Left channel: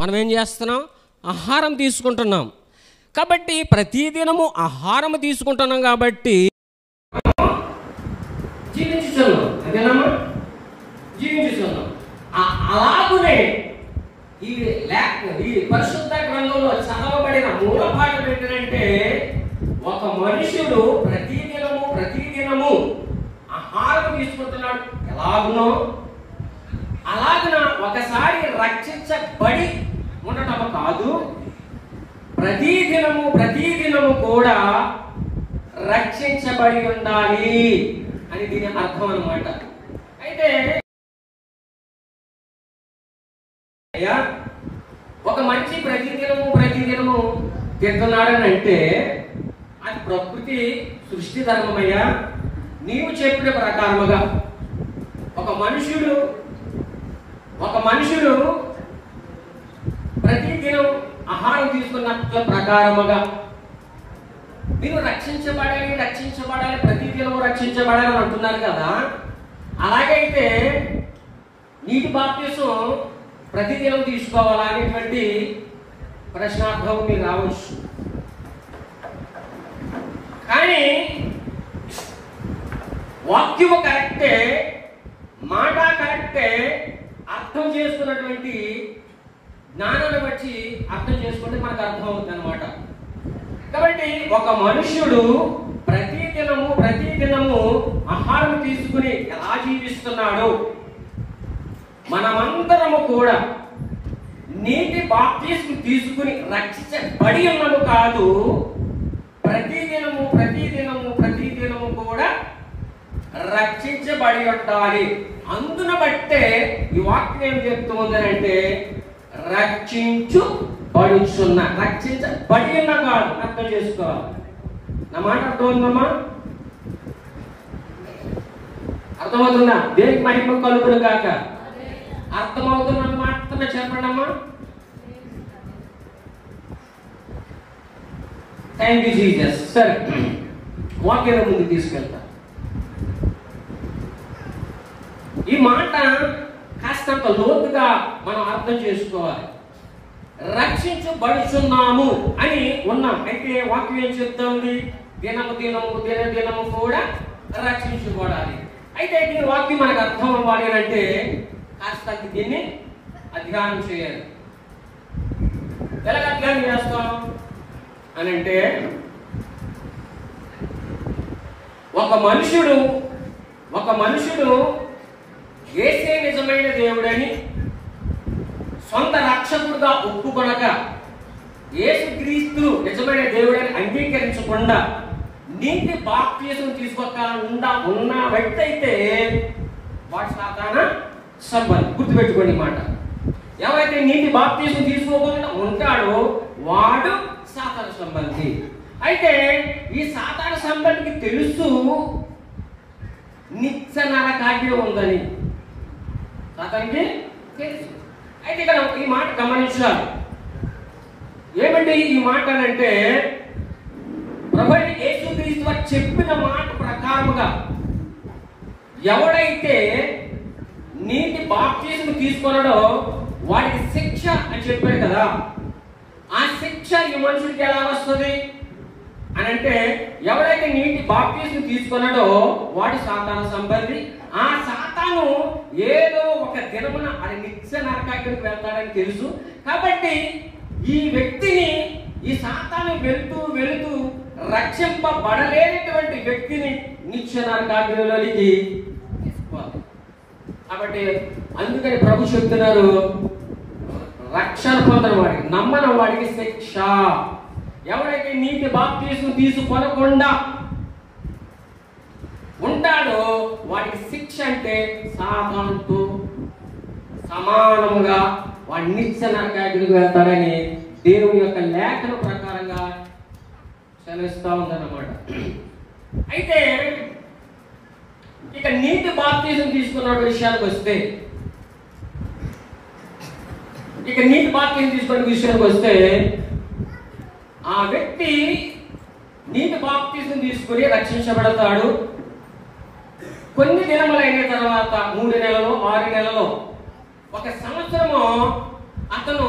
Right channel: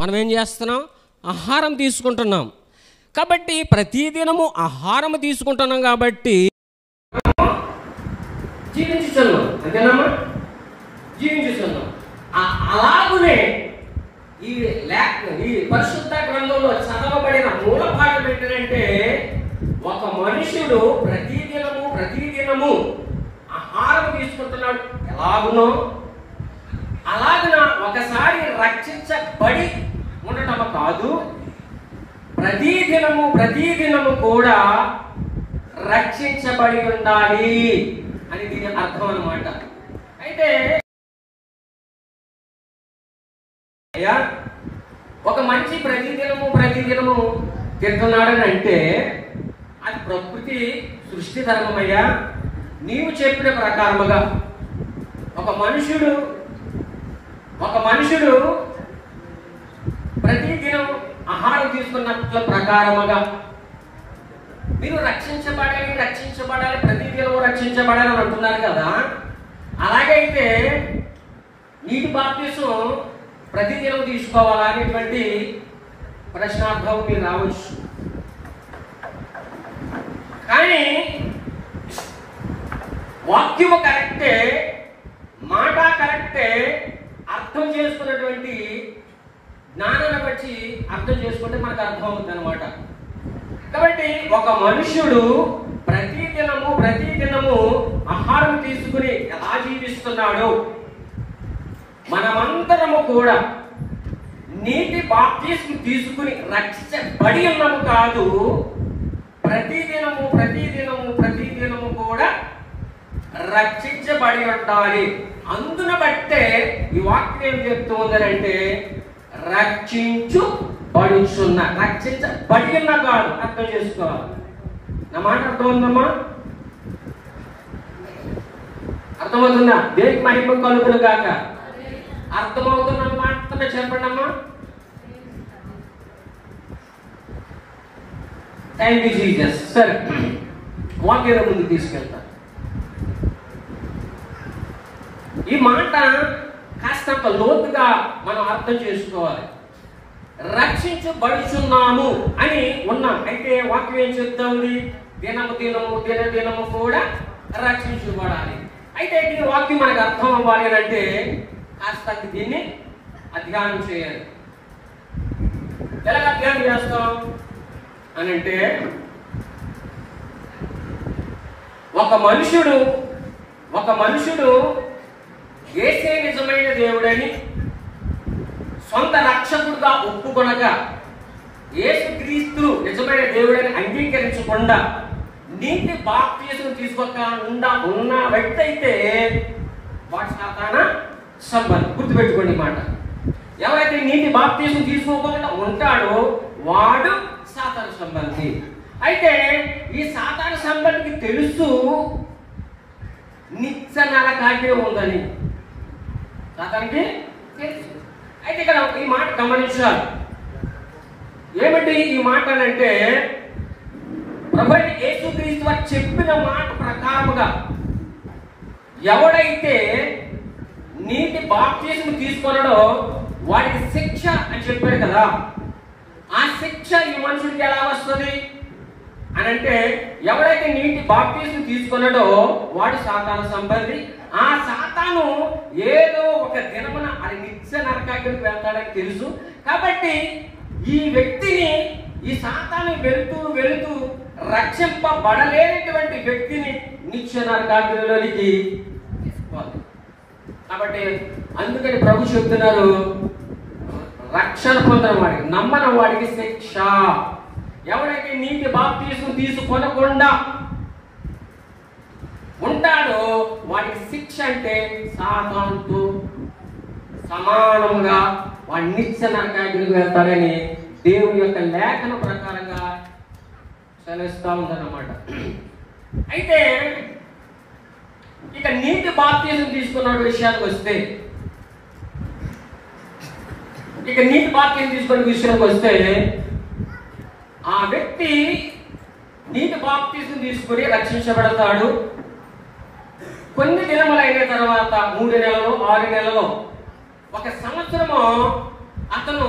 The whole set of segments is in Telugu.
మనం ఏం చేస్తున్నాం? ఆహారం తీసుకుంటున్నాం. కాబట్టి ప్రతిదినము ఆహారం తీసుకుంటున్నాం కాబట్టి జీవించుతున్నాం. అంతేనమ్మా? జీవించుతున్నాం. అలాగనే ఈ పరిశుద్ధ గ్రంథంలో చదవబడిన మూల భాగం ఏంటంటే, ఒక మనుషుడు ప్రతిదినము ఆహారం తీసుకుంటున్నాడు. ఎలాగునో అలాగన ఒకసారి రక్షించబడి ఉండటం కాదు, ప్రతిదినము కూడా రక్షించబడి ఉండాలి అని దీని అర్థం అన్నమాట. అయితే ఒక మనిషి ప్రతిదినము తింటున్నాడని అంటే అది ప్రకృతి సృష్టి ధర్మమయ్యా. నీవు చెప్పిన ప్రకారముగా ఒక మనుషుడు ప్రతిదినం ఆహారం తీసుకున్నట్ల ప్రకారముగా మీరు రక్షించబడాలి ప్రతిదినం రక్షించబడాలి అని అంటున్నారు కదా. అలాగైతే నీటి బాప్తిసం ప్రతిదినం తీసుకోవాలా అనేటువంటి ప్రశ్నార్థం మీరు రావచ్చు. కానీ వాక్యము కరెక్టే, మాట కరెక్టే, అర్థం చేసుకున్నటువంటి జ్ఞానాన్ని బట్టి అర్థం చేసుకుంటే మనకు అర్థం అవుతుంది అన్నమాట. కాబట్టి ఒక మనుష్యుడు ప్రతిదినము ఆహారం తీసుకుని ఎలా జీవిస్తున్నాడో మనమందరము కూడా నీటి బాప్తిస్మం తీసుకుని రక్షించబడి ఉన్నాము కాదు, ప్రతిదినము కూడా రక్షించబడి ఉండాలి. అందున బట్టే ఈ వాక్యం ఏం చెప్తుందంటే రక్షించబడి ఉన్నా కాదు, అర్థం చేసుకోవాలి. నా మాట అర్థమవుతుందమ్మా? అర్థమవుతుందా? దేనికి మహిమ కలుగును కాక. అర్థమవుతున్న మాత్రమే చెప్పండి అమ్మా. Thank you Jesus. సరే, వాక్యం ముందు తీసుకెళ్తా. ఈ మాట కాస్తంత లోతుగా మనం అర్థం చేసుకోవాలి. రక్షించబడుచున్నాము అని ఉన్నాం. అయితే వాక్యం ఏం చెప్తుంది? దినము కూడా రక్షించబడాలి. అయితే దీని వాక్యం మనకు అర్థం అవ్వాలి అంటే కాస్త దీన్ని అధ్యయనం చేయాలి. ఎలా అధ్యయనం చేస్తాం అని అంటే, ఒక మనుషుడు యేసే నిజమైన దేవుడని సొంత రక్షకుడుగా ఒప్పుకొనగా, యేసుక్రీస్తు నిజమైన దేవుడని అంగీకరించకుండా నీటి బాప్తిసం తీసుకోకుండా ఉన్న వ్యక్తి అయితే వాడు సాతాన సంబంధి. గుర్తుపెట్టుకోండి మాట. ఎవరైతే నీటి బాప్తిసం తీసుకోకుండా ఉంటాడో వాడు సాతాన సంబంధి. అయితే ఈ సాతాన సంబంధికి తెలుసు నిత్య నరకాగ్ని ఉందని. సాతానికి తెలుసు. అయితే ఇక్కడ ఈ మాట గమనించాలి. ఏమంటే ఈ మాట అంటే, ప్రభువైన యేసుక్రీస్తు వారు చెప్పిన మాట ప్రకారముగా ఎవడైతే నీటి బాప్తిసం తీసుకున్నాడో వాడికి శిక్ష అని చెప్పాడు కదా. ఆ శిక్ష ఈ మనుషుడికి ఎలా వస్తుంది అని అంటే, ఎవరైతే నీటి బాప్తిసం తీసుకున్నాడో వాడు సాతాన సంబంధి. ఆ సాతాను ఏదో ఒక దినమున అది నిత్య నరకాగ్నికి వెళ్తాడని తెలుసు. కాబట్టి ఈ వ్యక్తిని, ఈ సాతాను వెళుతూ రక్షింపబడలేనటువంటి వ్యక్తిని నిత్య నరకాగ్నిలోనికి. కాబట్టి అందుకని ప్రభు చెప్తున్నారు, రక్షణ పొందిన వాడికి, నమ్మని వాడికి శిక్ష. ఎవరైతే నీటి బాప్తిసం తీసుకొనకుండా ఉంటాడో వాడికి శిక్ష అంటే సాతానుతో సమానంగా వాడి నిత్య నరకాగ్నికి వెళ్తాడని దేవుని యొక్క లేఖన ప్రకారంగా సెలవిస్తూ ఉందన్నమాట. అయితే ఇక నీటి బాప్తిసం తీసుకున్న విషయానికి వస్తే, ఆ వ్యక్తి నీటి బాప్తిసం తీసుకుని రక్షించబడతాడు. కొన్ని దినములైన తర్వాత 3 నెలలు 6 నెలలు 1 సంవత్సరము అతను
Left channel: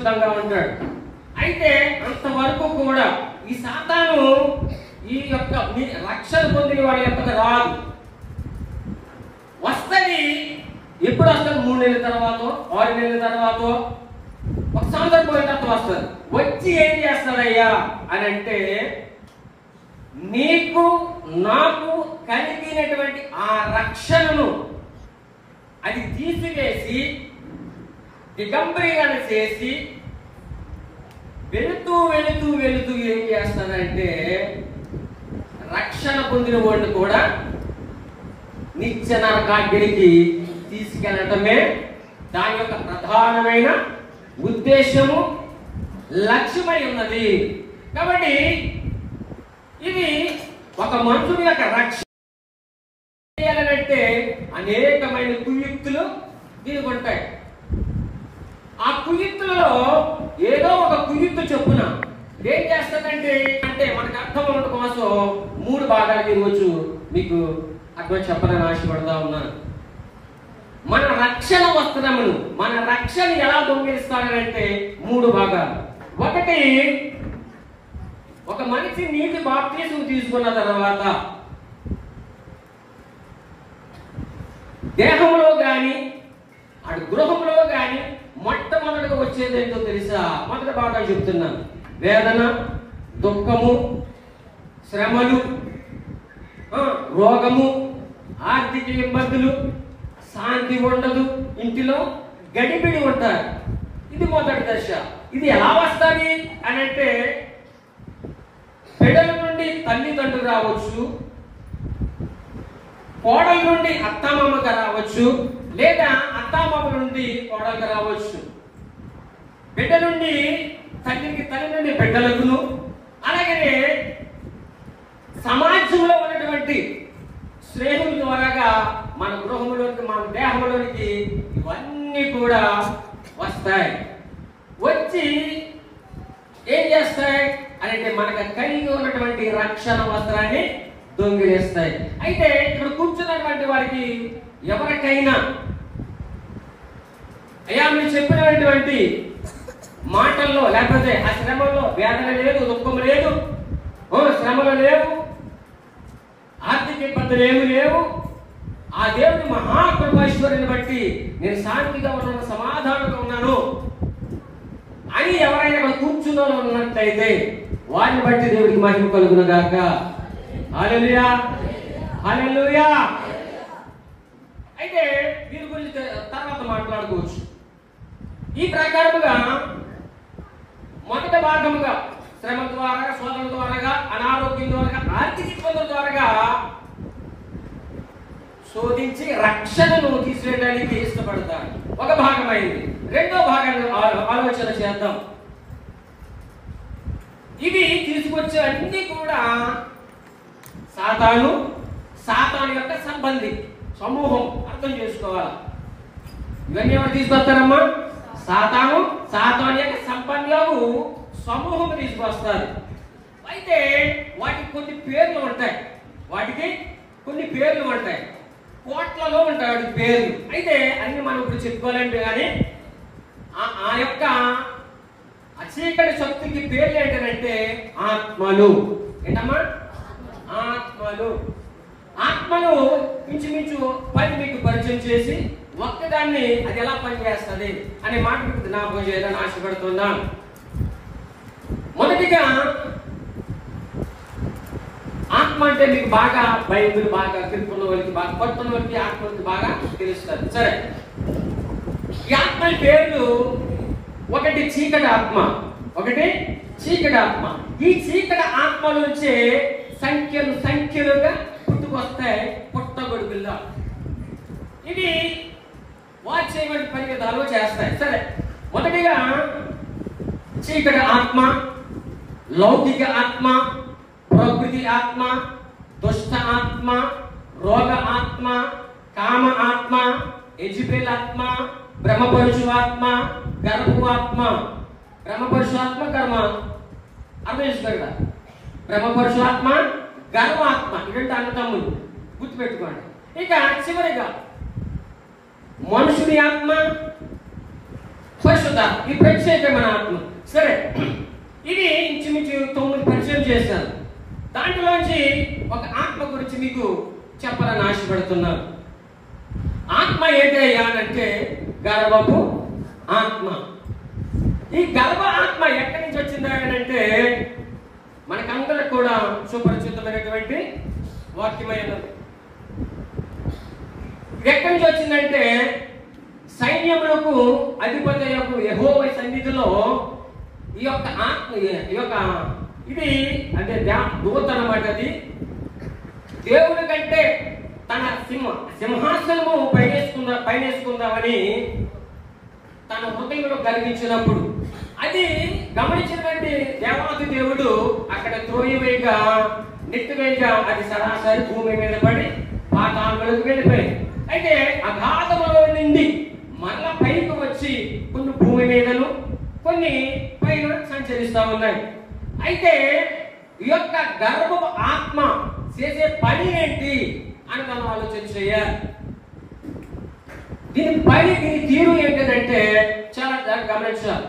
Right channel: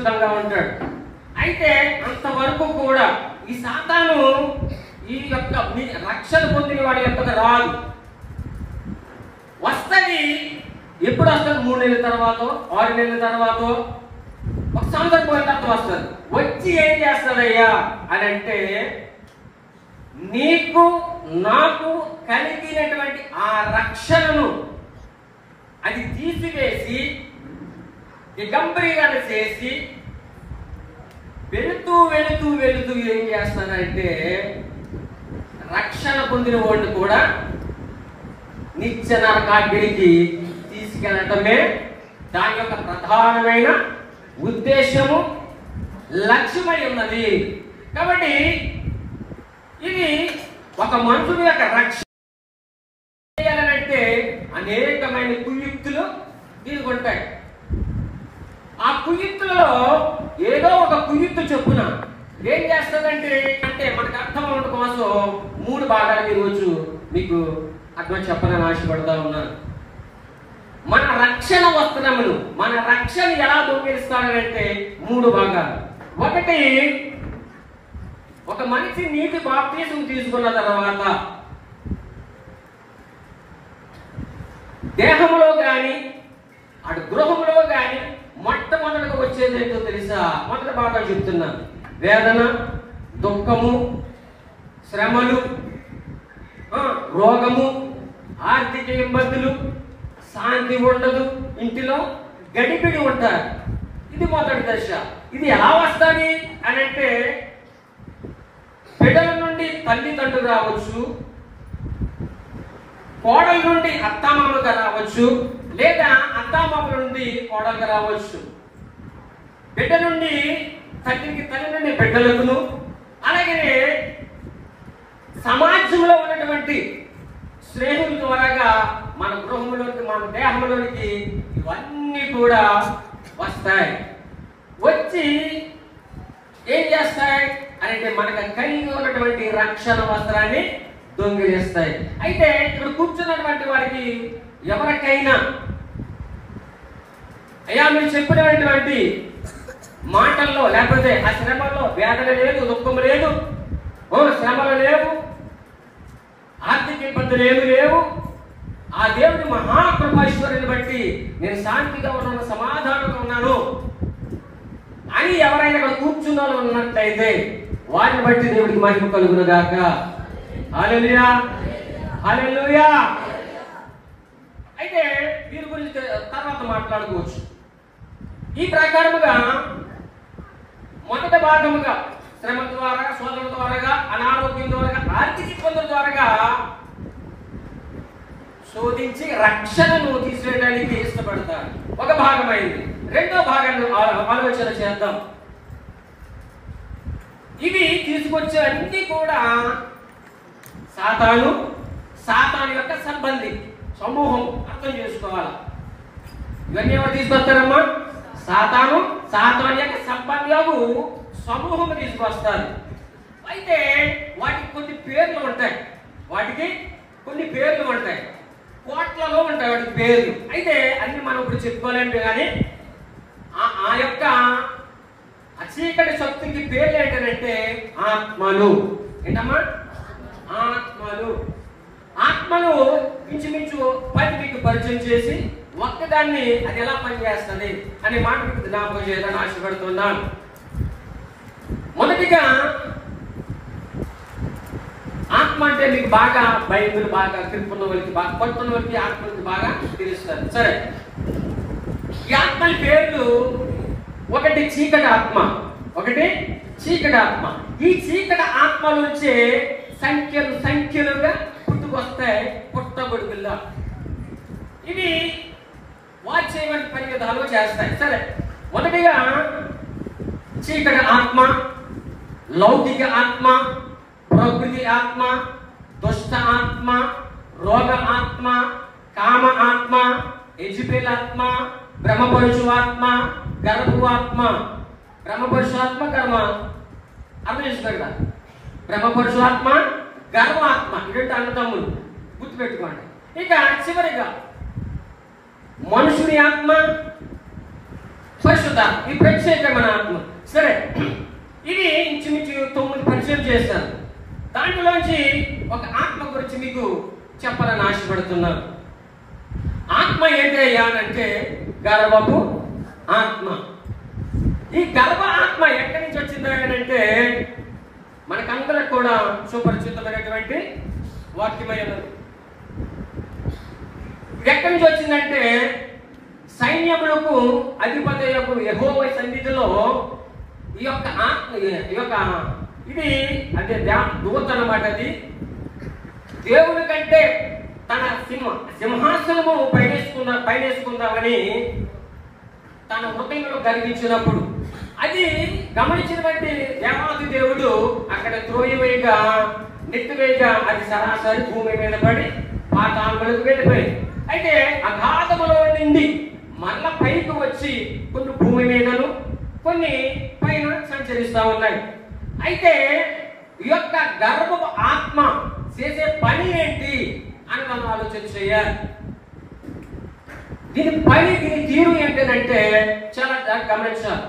పరిశుద్ధంగా ఉంటాడు. అయితే అంతవరకు కూడా ఈ సాతాను ఈ యొక్క రక్షణ పొందిన వాడి యొక్క రాదు. వస్తుంది. ఎప్పుడు వస్తుంది? 3 నెలల తర్వాత, 6 నెలల తర్వాత, 1 సంవత్సరం పోయిన తర్వాత వస్తుంది. వచ్చి ఏం చేస్తాడయ్యా అని అంటే, నీకు నాకు కలిగినటువంటి ఆ రక్షణను అది తీసివేసి దిగంబరీకరణ చేసి వెళుతూ వెళుతూ వెళుతూ ఏం చేస్తానంటే, రక్షణ పొందిన వాడిని కూడా నిత్య నరకాగ్నికి తీసుకెళ్లటమే దాని యొక్క ప్రధానమైన ఉద్దేశము, లక్ష్యమై ఉన్నది. కాబట్టి ఇది ఒక మనుషుని యొక్క రక్షణ చేయాలంటే అనేకమైన కుయుక్తులు దీనికి ఉంటాయి. ఆ కుయుక్తులలో ఏదో ఒక కుయుక్తు చొప్పున ఏం చేస్తుందంటే మనకు అర్థం అవడం కోసం 3 భాగాలు ఈరోజు మీకు అర్థం చెప్పాలని ఆశపడతా ఉన్నాను. మన రక్షణ వస్త్రమును, మన రక్షణ ఎలా దొంగిలిస్తాడంటే 3 భాగాలు. ఒకటి, ఒక మనిషి నీటి బాప్తిస్మం తీసుకున్న తర్వాత దేహంలో కానీ అటు గృహంలో కానీ మొట్టమొదటిగా వచ్చేది ఏంటో తెలుసా? మొదటి భాగం చెప్తున్నాను. వేదన, దుఃఖము, శ్రమలు, రోగము, ఆర్థిక ఇబ్బందులు, శాంతి ఉండదు, ఇంటిలో గడిపిడి ఉంటారు. ఇది మొదటి దశ. ఇది ఎలా వస్తుంది అని అంటే, బిడ్డల నుండి తల్లిదండ్రులు రావచ్చు, కోడల నుండి అత్తామామగా రావచ్చు, లేదా అత్తామామ నుండి కోడలుగా రావచ్చు. బిడ్డ నుండి తల్లి నుండి బిడ్డలకును, అలాగే సమాజంలో ఉన్నటువంటి స్నేహితుల ద్వారాగా మన గృహంలోకి, మన దేహంలోనికి ఇవన్నీ కూడా వస్తాయి. వచ్చి ఏం చేస్తాయి అంటే, మనకు కలిగి ఉన్నటువంటి రక్షణ వస్త్రాన్ని దొంగిలిస్తాయి. అయితే ఇక్కడ కూర్చున్నటువంటి వారికి ఎవరికైనా అయ్యా మీరు చెప్పినటువంటి మాటల్లో, లేకపోతే ఆ శ్రమలో వేదన లేదు, దుఃఖం లేదు, శ్రమలు లేవు, ఆర్థిక ఇబ్బందులు ఏమి లేవు, ఆ దేవుడి మహాకృపైశ్వర్యాన్ని బట్టి నేను శాంతిగా ఉన్నాను, సమాధానంగా ఉన్నాను అని ఎవరైనా ఇక్కడ కూర్చున్న ఉన్నట్లయితే వారిని బట్టి దేవుడికి మహిమ కలుగును గాక. హల్లెలూయా, హల్లెలూయా. అయితే వీరి గురించి తర్వాత మాట్లాడుకోవచ్చు. ఈ ప్రకారముగా మొదటి భాగముగా శ్రమ ద్వారా, శోధన ద్వారా, అనారోగ్యం ద్వారా, ఆర్థిక ఇబ్బందుల ద్వారా శోధించి రక్షణను తీసేయడానికి ఇష్టపడతారు. ఒక భాగమైంది. రెండో భాగాన్ని ఆలోచన చేద్దాం. ఇవి తీసుకొచ్చే అన్ని కూడా సాతాను యొక్క సంబంధి సమూహం. అర్థం చేసుకోవాలి. ఇవన్నీ ఎవరు తీసుకొస్తారమ్మా? సాతాను యొక్క సంబంధాలు సమూహం తీసుకొస్తారు. అయితే వాటికి కొన్ని పేర్లు ఉంటాయి. కోట్లలో ఉంటాయి వాటికి పేర్లు. అయితే అన్ని మనం ఇప్పుడు చెప్పుకోలేము. కానీ ఆ యొక్క చీకటి శక్తికి పేర్లు ఏంటంటే ఆత్మలు. ఏంటమ్మా? ఆత్మలు ఇంచుమించు 10 మీకు పరిచయం చేసి ఒక్కదాన్ని అది ఎలా పనిచేస్తుంది అనే మాట జ్ఞాపకం చేయాలని ఆశపడుతున్నాను. మొదటిగా ఆత్మ అంటే మీకు బాగా బైబిల్ బాగా తిరుపున్న వాళ్ళకి, బాగా కొట్టున్న వాళ్ళకి ఆత్మకి బాగా తెలుస్తారు. సరే, ఈ ఆత్మల పేర్లు ఒకటి చీకటి ఆత్మ. ఈ చీకటి ఆత్మ నుంచి సంఖ్యలుగా పుట్టుకొస్తాయి పుట్టగొడుగుల్లా. ఇవి వారు చేయబడిన పని విధాలు చేస్తాయి. సరే, మొదటిగా చీకటి ఆత్మ, లౌకిక ఆత్మ, ప్రకృతి ఆత్మ, దుష్ట ఆత్మ, రోగ ఆత్మ, కామ ఆత్మ, ఎజిబెల్ ఆత్మ, బ్రహ్మపరుషు ఆత్మ, గర్భు ఆత్మ. బ్రహ్మపరుషు ఆత్మ, కర్మ అర్థం చేసుకోండి. బ్రహ్మపరుషు ఆత్మ, గర్వ ఆత్మ. ఇటువంటి అన్నదమ్ములు గుర్తుపెట్టుకోండి. ఇక చివరిగా మనుషుని ఆత్మ, పరిశుద్ధాత్మ, ఈ ప్రత్యేకమైన ఆత్మ. సరే, ఇది ఇంచుమించు 9 పరిచయం చేశాను. దాంట్లోంచి ఒక ఆత్మ గురించి మీకు చెప్పాలని ఆశపడుతున్నాను. ఆత్మ ఏంటయ్యా అంటే గర్భపు ఆత్మ. ఈ గర్భ ఆత్మ ఎక్కడి నుంచి వచ్చిందా అంటే మనకందరికి కూడా సుపరిచితమైనటువంటి వాక్యమైనది. ఇది ఎక్కడి నుంచి వచ్చిందంటే సైన్యములకు అధిపతి యొక్క యెహోవా సన్నిధిలో ఈ యొక్క ఆత్మ, ఈ యొక్క ఇది అంటే దూత అన్నమాట. అది దేవుని కంటే తన సింహాసనము పైనేసుకుందామని తన హృదయంలో గర్వించినప్పుడు అది గమనించినటువంటి దేవాది దేవుడు అక్కడ త్రోయవేగా నెత్తివేగా అది సరాసరి భూమి మీద పడి పాతాళములకు వెళ్ళిపోయింది. అయితే అగాధములో నుండి మళ్ళా పైకి వచ్చి కొన్ని భూమి మీదను కొన్ని పైన సంచరిస్తూ ఉన్నాయి. అయితే ఈ యొక్క గర్భపు ఆత్మ చేసే పని ఏంటి అని మనం ఆలోచన చేయాలి. దీని తీరు ఏంటంటే చాలా గమనించాలి.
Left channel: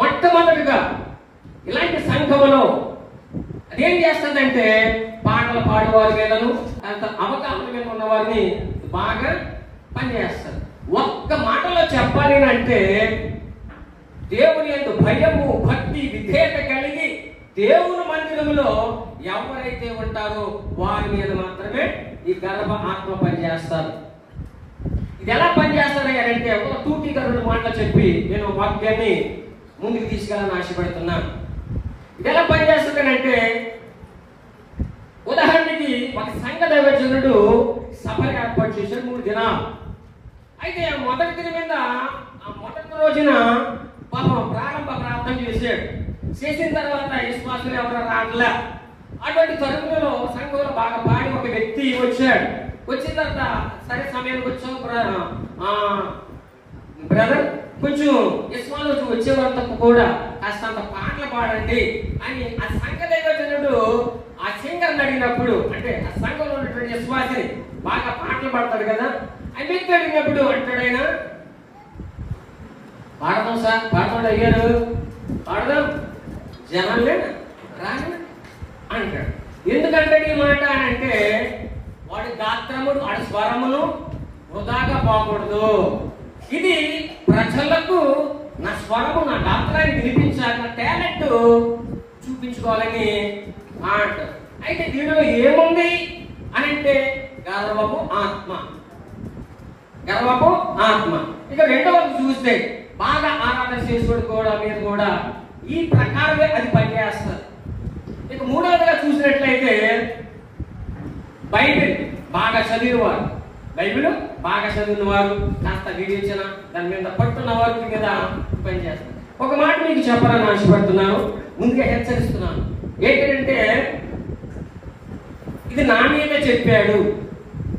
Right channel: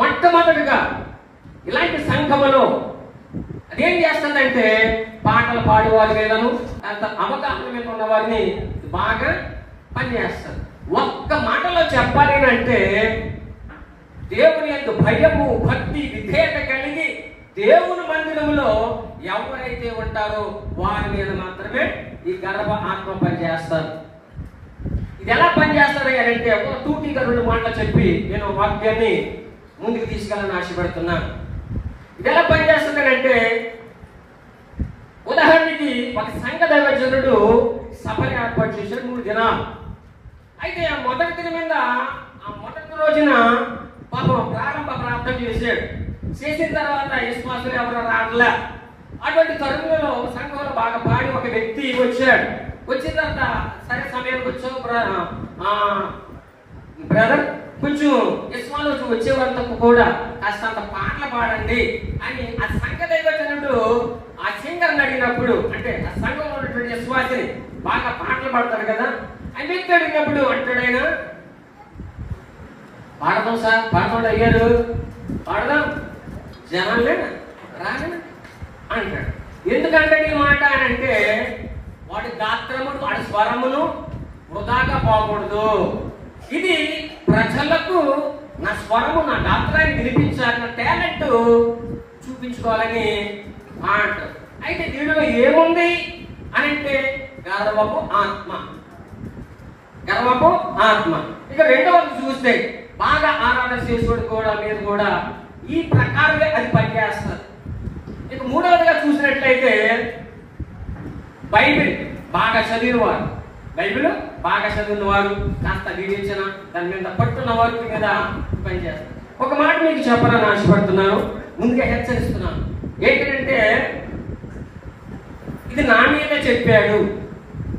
మొట్టమొదటిగా ఇలాంటి సంఘములో అదేం చేస్తుందంటే పాటలు పాడువారి మీదను అంత అవగాహన మీద ఉన్న వారిని బాగా పనిచేస్తారు. ఒక్క మాటలో చెప్పాలి అంటే దేవుని యందు భయము, భక్తి, విధేయత కలిగి దేవుని మందిరంలో ఎవరైతే ఉంటారో వారి మీద మాత్రమే ఈ గర్భ ఆత్మ పనిచేస్తారు. ఇది ఎలా పనిచేస్తారు అంటే ఒక తూటిగా 2 మాటలు చెప్పి నేను వాక్యాన్ని ముందుకు తీసుకెళ్ళాలని ఆశపడుతున్నాను. ఇది ఎలా పనిచేస్తుంది అంటే ఉదాహరణకి ఒక సంఘ దైవజనుడు సభలు ఏర్పాటు చేశాడు 3 దినాలు. అయితే ఆ మొదటి దిన మీద ఆ మొదటి రోజున పాపం ప్రారంభ ప్రార్థన చేశాడు. చేసిన తర్వాత విశ్వాసులు ఎవరో రావట్లే. అటువంటి తరుణంలో సంఘంలో బాగా పాడి ఒక వ్యక్తి వచ్చాడు. వచ్చిన తర్వాత సరే సమయానికి వచ్చావు బ్రదర్, కొంచెం విశ్వాసం వచ్చేవాళ్ళతో కూడా కాస్తంత పాటలు పాడండి అని ఆ సంఘ దైవజనుడు ఆ సింగర్ని అడిగినప్పుడు, అంటే ఆ సంఘంలో ఉన్నటువంటి విశ్వాసిని బాగా పాటలు పాడతాడు కదా, ఆ వ్యక్తి అడిగినప్పుడు అంటాడు ఆయన, పాడదాం సార్, పాడతాడు అయ్యారు, పాడదాం జనాలే రాను అంటాడు. ఎందుకంటే ఈ మాట అని అంటే వాడి గాత్రమును వాడి స్వరమును వృధాగా పోకూడదు. ఇది ప్రజలకు నా స్వరము నా గాత్రాన్ని వినిపించాలి, నా టాలెంట్ చూపించుకోవాలని అంటారు. అయితే దీనిలో ఏముంది అని అంటే గర్వపు ఆత్మ. గర్వపు ఆత్మ. ఇక రెండవది చూస్తే బాగా ఆరాధన చేసుకోవడం కూడా మీద కూడా ఈ ప్రకారమే అది పనిచేస్తుంది. ఇక మూడవదిగా చూసినట్లయితే బైబిల్ బాగా చదివినవారు, బైబిల్ బాగా చదివిన వారు, కాస్త వివేచన దాని మీద పట్టున్న వారి మీద పనిచేస్తారు. ఒక మాట మీకు చెప్పాలని ఆశపడుతున్నాను, ముందుగా హెచ్చరిస్తున్నాను. ఏంటంటే ఇది నా మీద చెప్పాడు,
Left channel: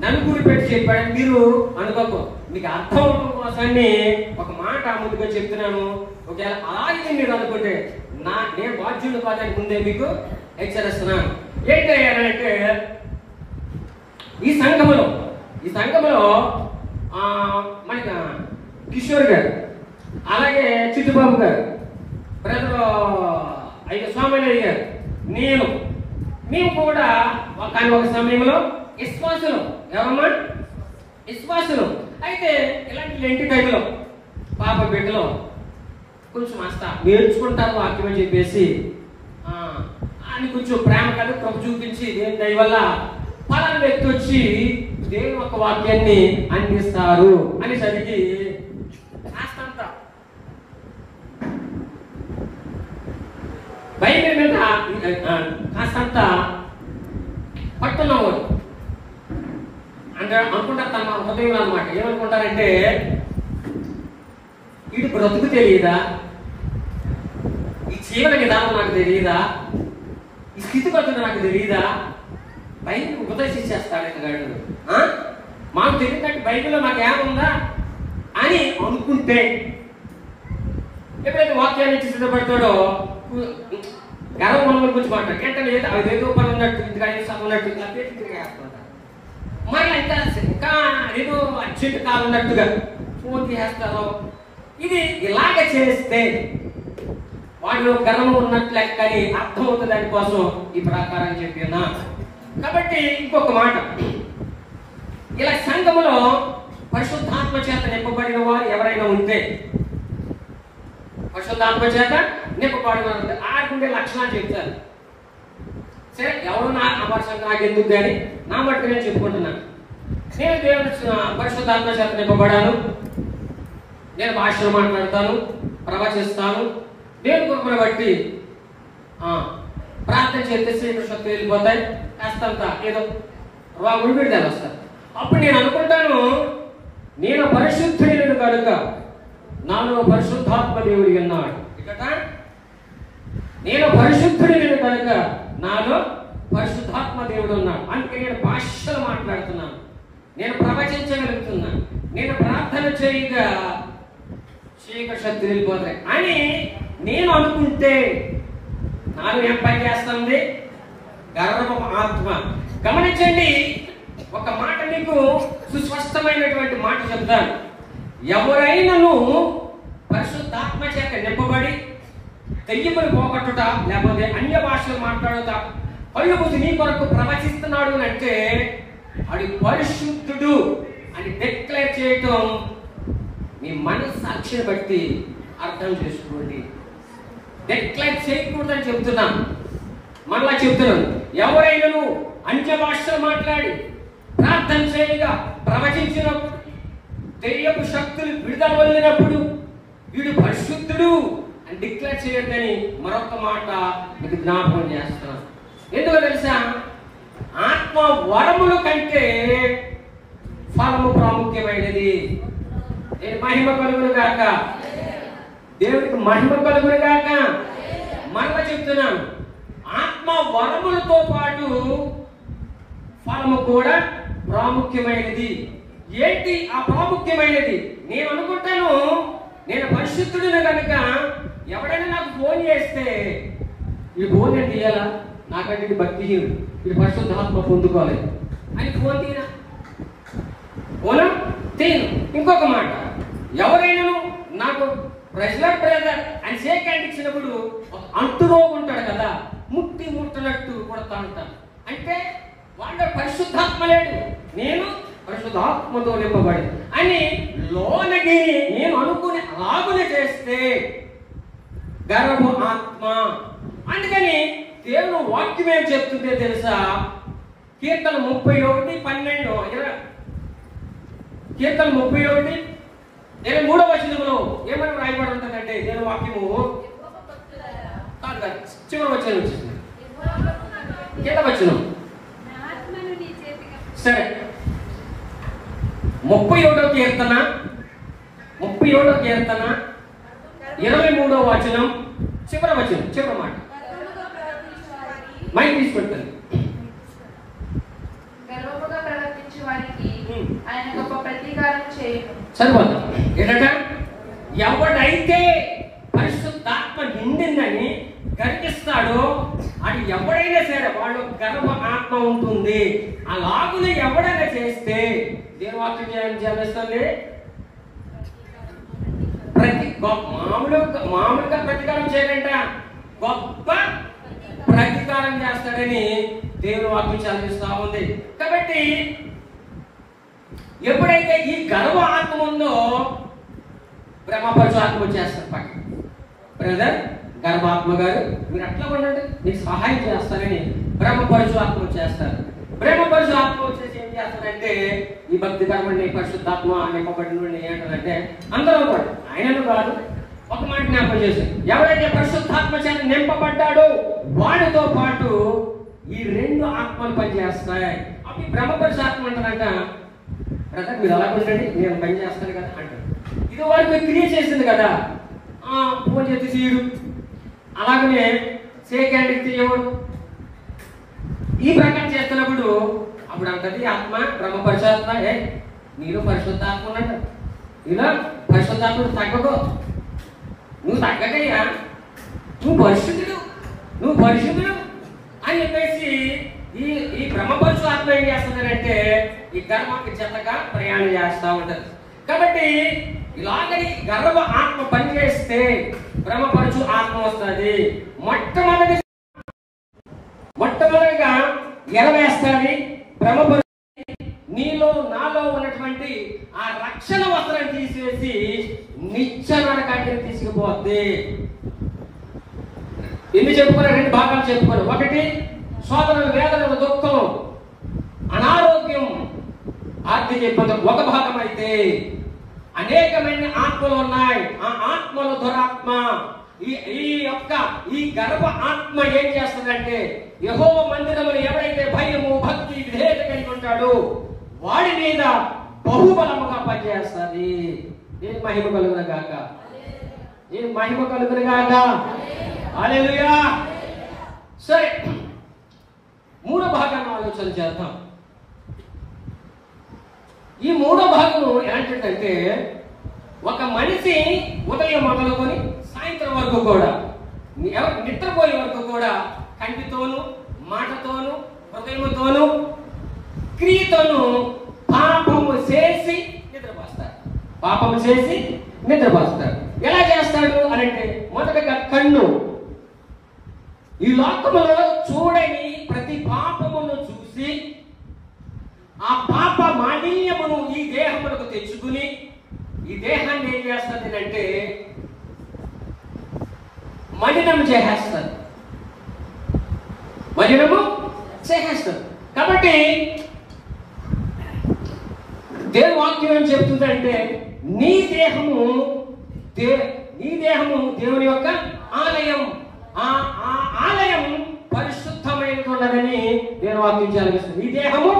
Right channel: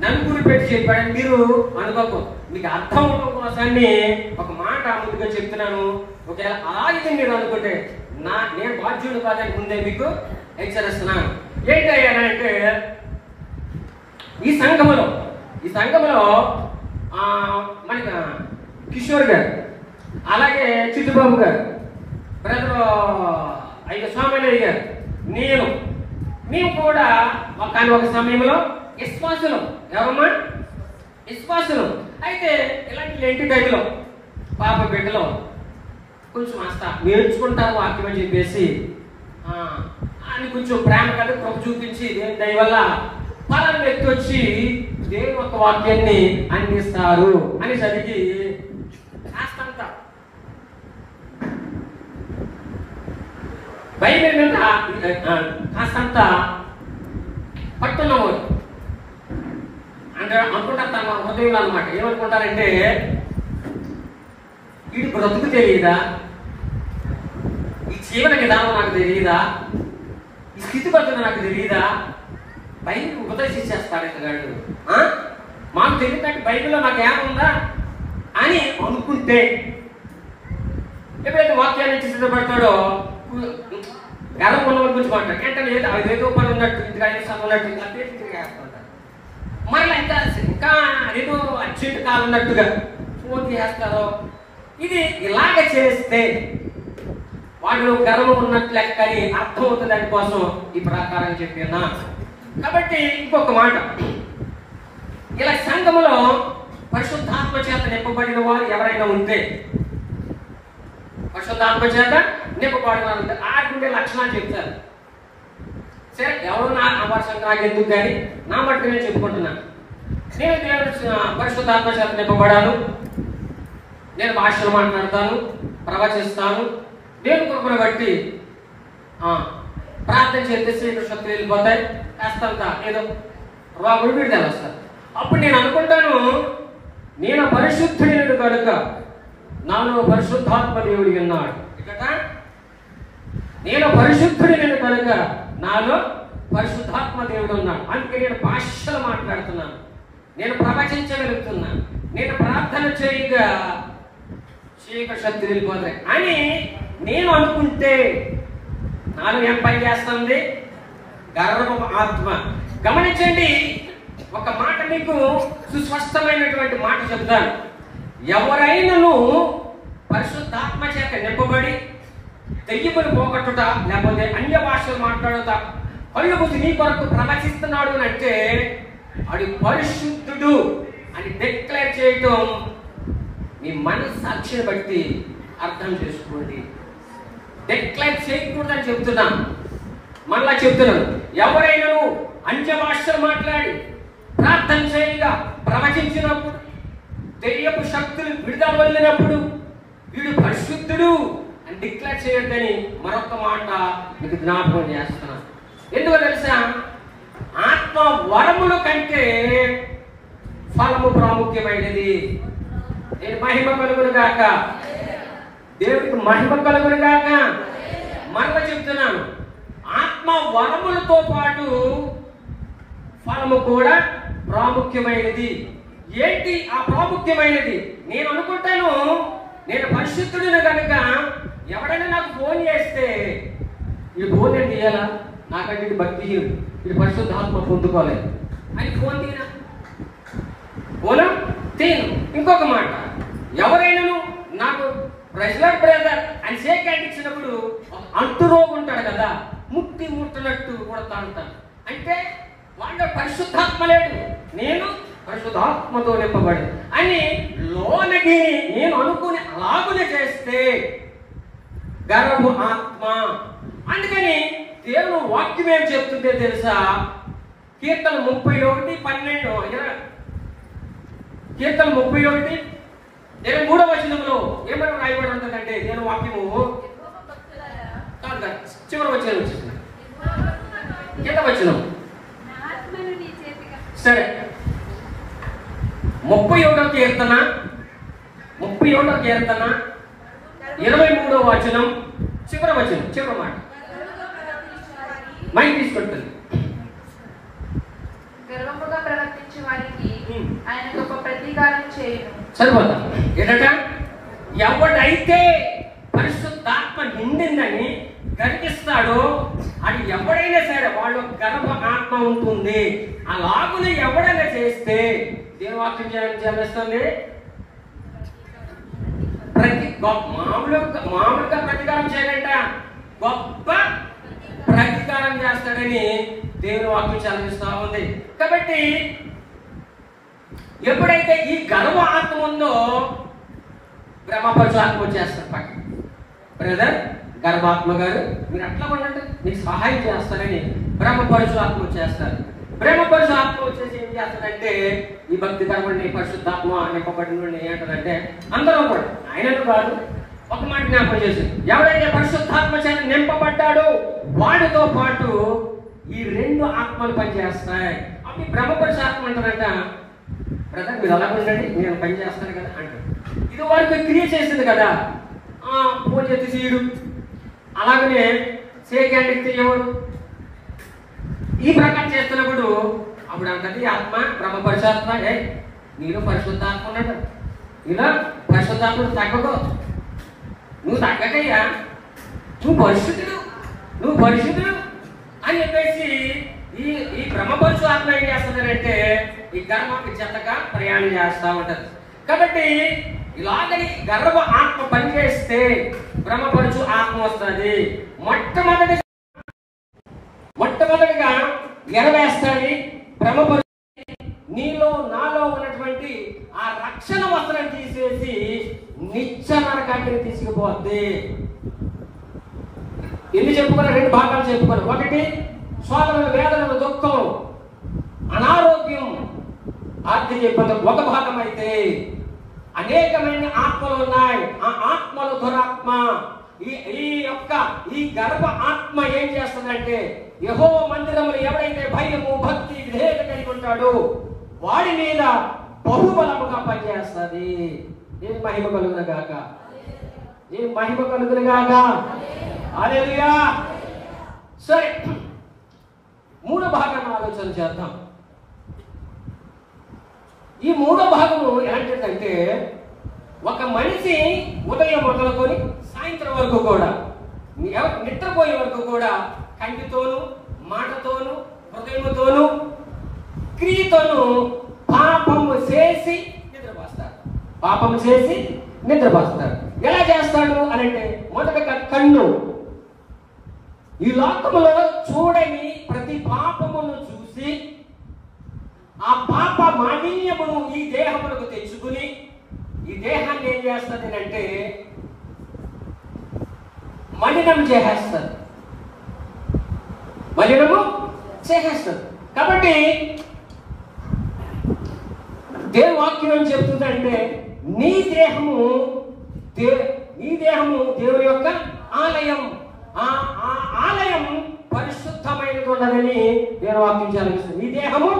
నలుగురు పెట్టి చెప్పాడు మీరు అనుకోకు. మీకు అర్థం అవడం కోసాన్ని ఒక మాట ముందుగా చెప్తున్నాను. ఒకవేళ అలాగే మీరు అనుకుంటే నేను బాధ్యుడు కాదని ముందే మీకు హెచ్చరిస్తున్నాను. ఏంటంటే ఈ సంఘములో మనకి కిషోర్ గారు, అలాగే చిట్టుబాబు గారు, బ్రదర్ స్వామినాయుడు గారు, మేము కూడా ఒక సమయంలో విశ్వాసులు. ఎవరమ్మా? విశ్వాసులు. అయితే ఇలాంటి ఇంటి దగ్గరలో పాప బిడ్డలో కొంచెం అస్తా నేర్చుకుంటారు వాక్యం అని చెప్పేసి అని కొంచెం ప్రేమ కలిగి కృప చూపించి దేని దయ వల్ల పలానా వ్యక్తి వచ్చి దేవుని ఒక వాక్యాన్ని అందిస్తారు అని సరికి కాస్తంత బైబిల్ మీద కాస్తంత పట్టున్నవాడు అంటే అనుకుంటారు తన హృదయంలో అనమాట. ఏమనుకుంటారంటే వీడి బ్రతుకు తెలియదా, ఈ జీవన విధానం నాకు తెలియదా, ఈ స్థితిగతులు నాకు తెలియదా, బైబిల్ ఉపదేశించేస్తాడు అతగాడు. మాకు తెలియదంటే బైబిల్లో నాకు ఏముందా అని అనుకుంటే ఎప్పుడైతే వాక్యాన్ని ఇచ్చి సిద్ధపడతాడో గర్వం ఉన్నవాడి గురించి మాట్లాడు. ఏంటంటే ఏదో పని ఉన్నట్టు ఇంకా సమయం ఉన్నట్టు ఇంకా తిరిగేస్తుంటారు. మళ్ళీ ఇంకా ఏదో అర్జెంట్ కాలం ఉన్నట్టుగా ఫోన్ చేస్తారో ఇది ఇలాగ చేస్తే వాడు గర్వం ఉన్నట్లు లెక్కని అర్థమవుతుంది దానికోసం ఈ ప్రకారం చెప్పినా. కాబట్టి ఇంకొక మాట, ఇలా సంఘములో పరిశుద్ధాత్మ చేత నింపబడిన వారు ఎవరైనా ఉంటే, పరిశుద్ధాత్మ చేత నింపబడిన వారు ఉంటే ఆడుకుంటే లక్షణాలు చెప్తారు. సరే, ఎవరు నా భాషకు నాకు ఎందుకు కానీ నా మట్టి నేను చెప్పుకుంటున్నాను. నేను దేవుడు పరిశుద్ధాత్మ చేత నింపబడాను, నేను భాషలు మాట్లాడతాను, ప్రవచిస్తాను, దేవుని కృపను బట్టి ప్రార్థన చేస్తే శ్రీకృష్ణ శక్తులు వెళ్ళిపోతాయి, కాస్తంత ఏదో రోగులు విడుదల వస్తారు. అప్పుడు నేను అనుకుంటాను, నేను పరిశుద్ధుడు కనుక నాలో పరిశుద్ధాత్మ దేవుడు ఉన్నాడు. ఇక్కడ నేను పరిశుద్ధుడు కనుక నాలో పరిశుద్ధాత్మ దేవుడు ఉన్నాడు. అందుకే నేను భాషలు మాట్లాడుతున్నాను, నేను ప్రవచించగలుగుతున్నాను, నేను ప్రార్థన చేయగా చీకటి శక్తి వెళ్ళిపోతాయి అని నేను అనుకుంటే నాలో ఏం పని చేస్తుంది? గర్వం ఆత్మ. గమనించండి, ఒక మాట మీకు సుస్పష్టమైనటువంటి మాట చెప్తాను. ఎవరైనాను పరిశుద్ధాత్మ చేత నింపబడి దెయ్యమును పోగొట్టుట, లేకపోతే అన్య భాషలు మాట్లాడుతా, కళ్ళు బుద్ధి నీ కొరకు ప్రవచిస్తున్నాడు అని అంటే అది పరిశుద్ధుడు అని డిక్లేర్ చేయటం మీ మనస్సాక్షిని బట్టి అర్థం చేసుకోండి. డిక్లేర్ చేయకూడదని చెప్తున్నాను, మళ్ళా చెప్తున్నాను. ఎవరైనా అన్య భాషలు మాట్లాడి ప్రార్థన చేయగా ప్రవచించినప్పుడు, దెయ్యపు శక్తులు విడుదల వదిలినప్పుడు వీడు పరిశుద్ధుడు అని డిక్లేర్ చేయొద్దని మరొక మాట మీకు జ్ఞాపకం చేస్తున్నాను. ఎందుకో తెలుసా? ఆత్మ వరముల కంటే ఫలము ప్రాముఖ్యమైనది. నేను మహిమ కలుగును గాక, దేవుడికి మహిమ కలుగును గాక. మరొక చెప్తున్నాను, ఆత్మ వరములతో పాటు ఫలము కూడా ప్రాముఖ్యమైనది. ఏంటి ఆ ప్రాముఖ్యమైనది? నేను అనుకుంటాను, నేను పరిశుద్ధుడిని కనుక ఎవడైనా నాకు ఫోన్ చేస్తే ఈ ఫోన్ ఏంటి ఇయ్యాలా, నాకంటే ఇది భక్తిహీనుడు, ఇది పరిశుద్ధాత్మ పొందుకోవాలి అని ఫోన్ తీరా ఫోన్ తీను. ఇంకొక మాట, ఎవరైనా నాకు ప్రెజర్ బ్రదర్ అని షేక్ హ్యాండ్ ఇచ్చినప్పుడు అంటురోగు ఉంటాడు కదా, ముట్టి ముట్టనట్టు కొడతా ఉంటాను. అంటే వాడు పరిశుద్ధాత్మ లేడు, నేను పరిశుద్ధాత్మతో నింపబడి అని లోనకి నేను అనుకుని అలాగునే చేస్తే గర్వము ఆత్మ. అందుకని దేవుడు వాక్యం ఏం చెప్తుందే తెలుసా? కీర్తన 31:12 కీర్తన 31:23 ఏమైనా రాయబడి ఉంటుందంటే దేవుని వాక్యము కాదు కాదు, చివరి వచనం వచ్చేసింది, కింద వచనం. సరే, 37వ కీర్తన 23వ వచనం చివరి వచనం, చివరి మాట. మైక్ తీసుకుంటుంది. సరిపోతా ఏంటంటే, ఎవడైతే పరిశుద్ధాత్మ నిండిందని గర్విస్తాడో అది ఎవడైనా సరే వాళ్ళు గర్భ ఆత్మ ఉంటుంది. అలాగున ఎవడైనా చేస్తే దేవాక్యం చేస్తుంది, మామూలుగా ప్రతికారం చేయాలంట, గొప్ప ప్రతికారం చేస్తాడని దేవుని వాక్యం చదివిస్తా ఉంది. కాబట్టి ఎప్పుడైతే ఈ గర్వ ఆత్మ ఉందో బ్రహ్మపరచు ఆత్మ వచ్చేస్తారు పక్కన. బ్రదర్ గర్భాత్మ గారు మీరు అట్లా ఉండండి, మీకు సహాయం చేస్తారని బ్రహ్మపరచు ఆత్మ వచ్చేస్తారు. బ్రహ్మపరచు ఆత్మ వచ్చేసి ఏం చేస్తారంటే ఈ భక్తి కర్మని పరిశుద్ధాత్మ నింపబడిన ఏంటంటే అందరూ కూడా ఆయనను కాదు, ఒక మాట జ్ఞాపకం చేసి, ఎవరైతే పరిశుద్ధాత్మ చేత నింపబడ్డాడో వాడితో పాటు ఈ రెండు ఆత్మలు పనిచేస్తాయి. అప్పుడు బ్రహ్మపరచు ఆత్మ అంటారంట, బ్రదర్ మీరు అలా ఉండండి నేను పని చేస్తాను కదా అంటారు. ఇది వారికి క్రియ చేసింది కదా, ఫోన్ చేసి తీయడు, అలాగనే షేక్ హ్యాండ్ ఇస్తే ఎవరు ఈ ప్రకారం చేస్తున్నప్పుడు అప్పుడు అంటది ఆత్మ బ్రహ్మపరిశాత్మ, నీలో పరిశుద్ధాత్మ ఉన్నాడు, నీలో పరిశుద్ధాత్మ తగ్గదు, నువ్వు తగ్గకయ్యా, నువ్వు పరిశుద్ధుడు అని చెప్పేసి ఈ బ్రహ్మపరచు ఆత్మ ఏం చేస్తుందంటే ఈ కర్మకి చెత్తగా ప్రయాణం చేస్తూ ఉంటది. కాబట్టి ఇలాగని గర్భ ఆత్మ పనిచేస్తే భ్రమపరచు ఆత్మ వస్తుంది. మొట్టమొదటిగా ఎరవేస్తుంది, భ్రమపరచు. నీలో నాలో ఉన్నటువంటి ఆ రక్షణ వస్త్రం తీసేసి నిత్య నరకానికి తీసుకుపోద్ది. ఎన్ని చెప్పుకున్నా? 2 భాగాలు చెప్పుకున్నాం. ఒకటి శోధనలు, వేదనలు, దుఃఖం, అనారోగ్యం, ఆర్థిక ఇబ్బందులు ఒక భాగం అయితే అనేకమైన ఆత్మలు ఉన్నాయి. ఆ ఆత్మలు దురాత్మ. ఈ గర్భ ఆత్మ ఏం చేస్తుందంటే, యెహోవా మందిరంలో ఎవరైతే భయము, భక్తి, విధేయత కలిగి ఉంటాడో వాడి మీద బహుబలముగా పనిచేస్తుంది. ఏం మహిమ కలుగును గాక, ఏం మహిమ కలుగును గాక. హల్లెలూయా. సరే, 3వ భాగాన్ని ఆలోచన చేద్దాం. ఈ 3వ భాగము ఏంటంటే, ఒక మనిషి ఉదయం మొదలుకొని సాయంత్రం వరకు కూడా, నిద్రపోయే వరకు కూడా కంటితోను, మాటతోను, హృదయంతోను, క్రియతోను పాపము చేసి నిద్రపోస్తాడు. పాపము చేసి నిద్రపోస్తాడు. ఎలా చేస్తాడు అని అంటే, మొదటగా కన్ను ఈ లోకములో చూడని ప్రతి పాపమును చూసి ఆ పాప మాలిన్యమును ఈ దేహములకు తెచ్చుకుని ఈ దేహాన్ని ఏం చేస్తుంది అంటే మలినం చేసేస్తుంది. మలినము చేసేస్తుంది. కాబట్టి దేవుని వాక్యం ఏం చెప్తుందంటే, నీ దేహము దేవుని యొక్క ఆలయం. ఆ ఆలయం పరిశుద్ధమైనది ఉన్నదని దేవుని వాక్యం చెప్తుంది. ఈ దేహము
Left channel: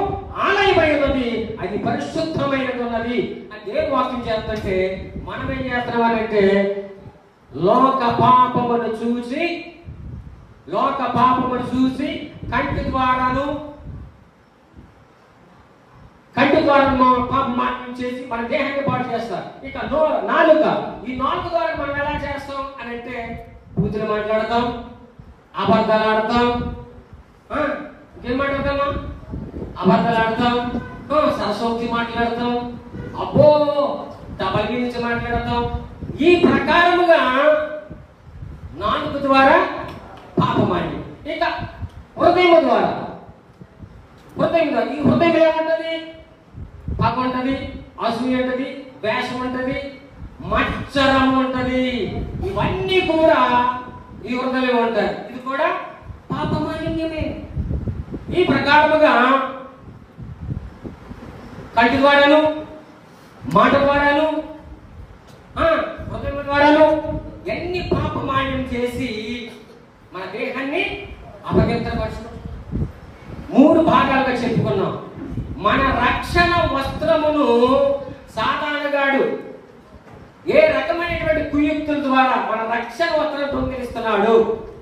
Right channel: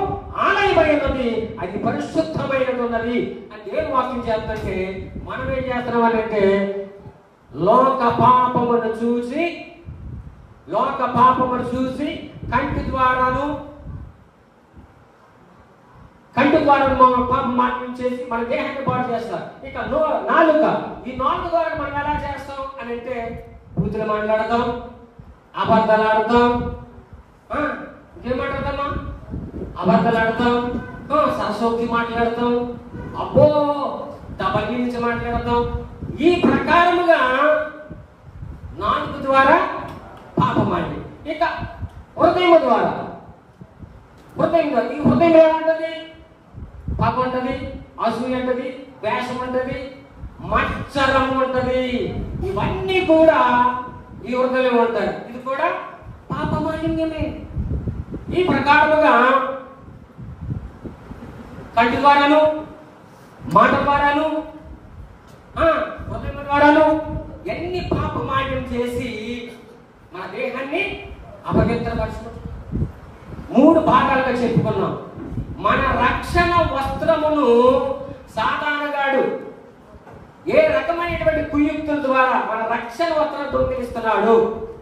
ఆలయమైనది, అది పరిశుద్ధమైనది ఉన్నది అని దేవుని వాక్యం చెప్తుంటే, మనం ఏం చేస్తున్నామంటే లోక పాపమును చూసి కంటి ద్వారాను పాపం మాటలు చేసి మన దేహాన్ని పాటు చేస్తారు. ఇక నాలుక, ఈ నాలుగు ద్వారా మనం ఎలా చేస్తాం అని అంటే, బూతులు మాట్లాడతాం, అబద్ధాలు ఆడతాం. ఇంకేం మాట్లాడతామా? అబద్ధాలు ఆడతాం, సరసోక్తి మాట్లాడతాం, అబ్బో డబల్ గురించి మాట్లాడతాం. ఈ ప్రకారముగా నాలుగు ద్వారా పాపమాడి. ఇక హృదయం ద్వారా, ఈ హృదయం ఏమంటది? పాపం అంటది, అసూయ అంటది, వేషం అంటది, మత్సరం అంటది. ఇవన్నీ కూడా ఈ హృదయం ఉంటారు. ఇది కూడా పాపమాలిన్యమే. ఈ ప్రకారముగా కంటి ద్వారాను, మాట ద్వారాను, హృదయం ద్వారాను ఎన్ని పాపమాలిన్యం చేసి మన దేహాన్ని అపవిత్రపరచు. 3 భాగాలుగా చెప్పుకున్నాం. మన రక్షణ వస్త్రమును సాతానుగాడు ఏ రకమైనటువంటి కుయుక్తుల ద్వారా మన రక్షణ వస్త్రం దొంగిలిస్తున్నాడు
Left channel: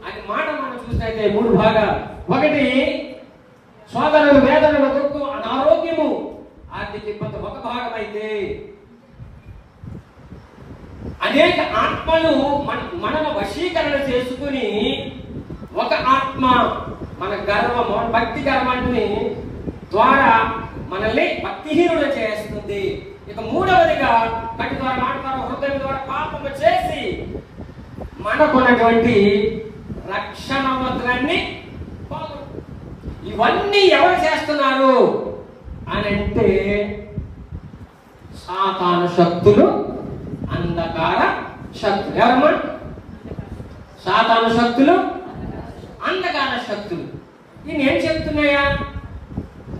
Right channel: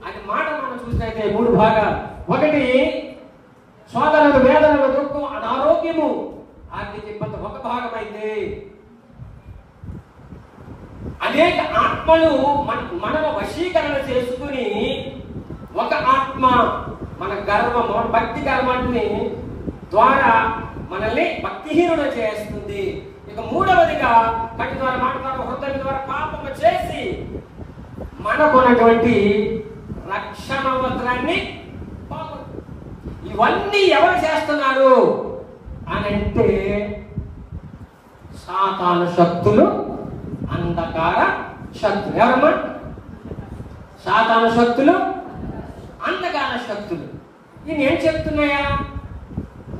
అని మాట మనం చూసినైతే 3 భాగాలు. ఒకటి శోధనలు, వేదనలు, దుఃఖం, అనారోగ్యము, ఆర్థిక ఇబ్బంది ఒక భాగం అయితే, అనేక ఆత్మలు మనలో వశీకరణ చేసుకుని ఒక ఆత్మ మన గర్వము, భక్తి గర్వాన్ని ద్వారా మనల్ని భక్తిహీనులు చేస్తుంది. ఇక 3వదిగా కంటి ద్వారా, మాట ద్వారా, హృదయం ద్వారా పాపము చేసి మనకున్నటువంటి రక్షణ వస్త్రాన్ని, ఇవన్నీ ఎవరు చేస్తున్నారు అని అంటే సాతాను శక్తులు, అంధకార శక్తులు. ఎవరమ్మా? సాతాను శక్తులు, అంధకార శక్తులు. ఇవి ఏం చెప్తున్నాయా?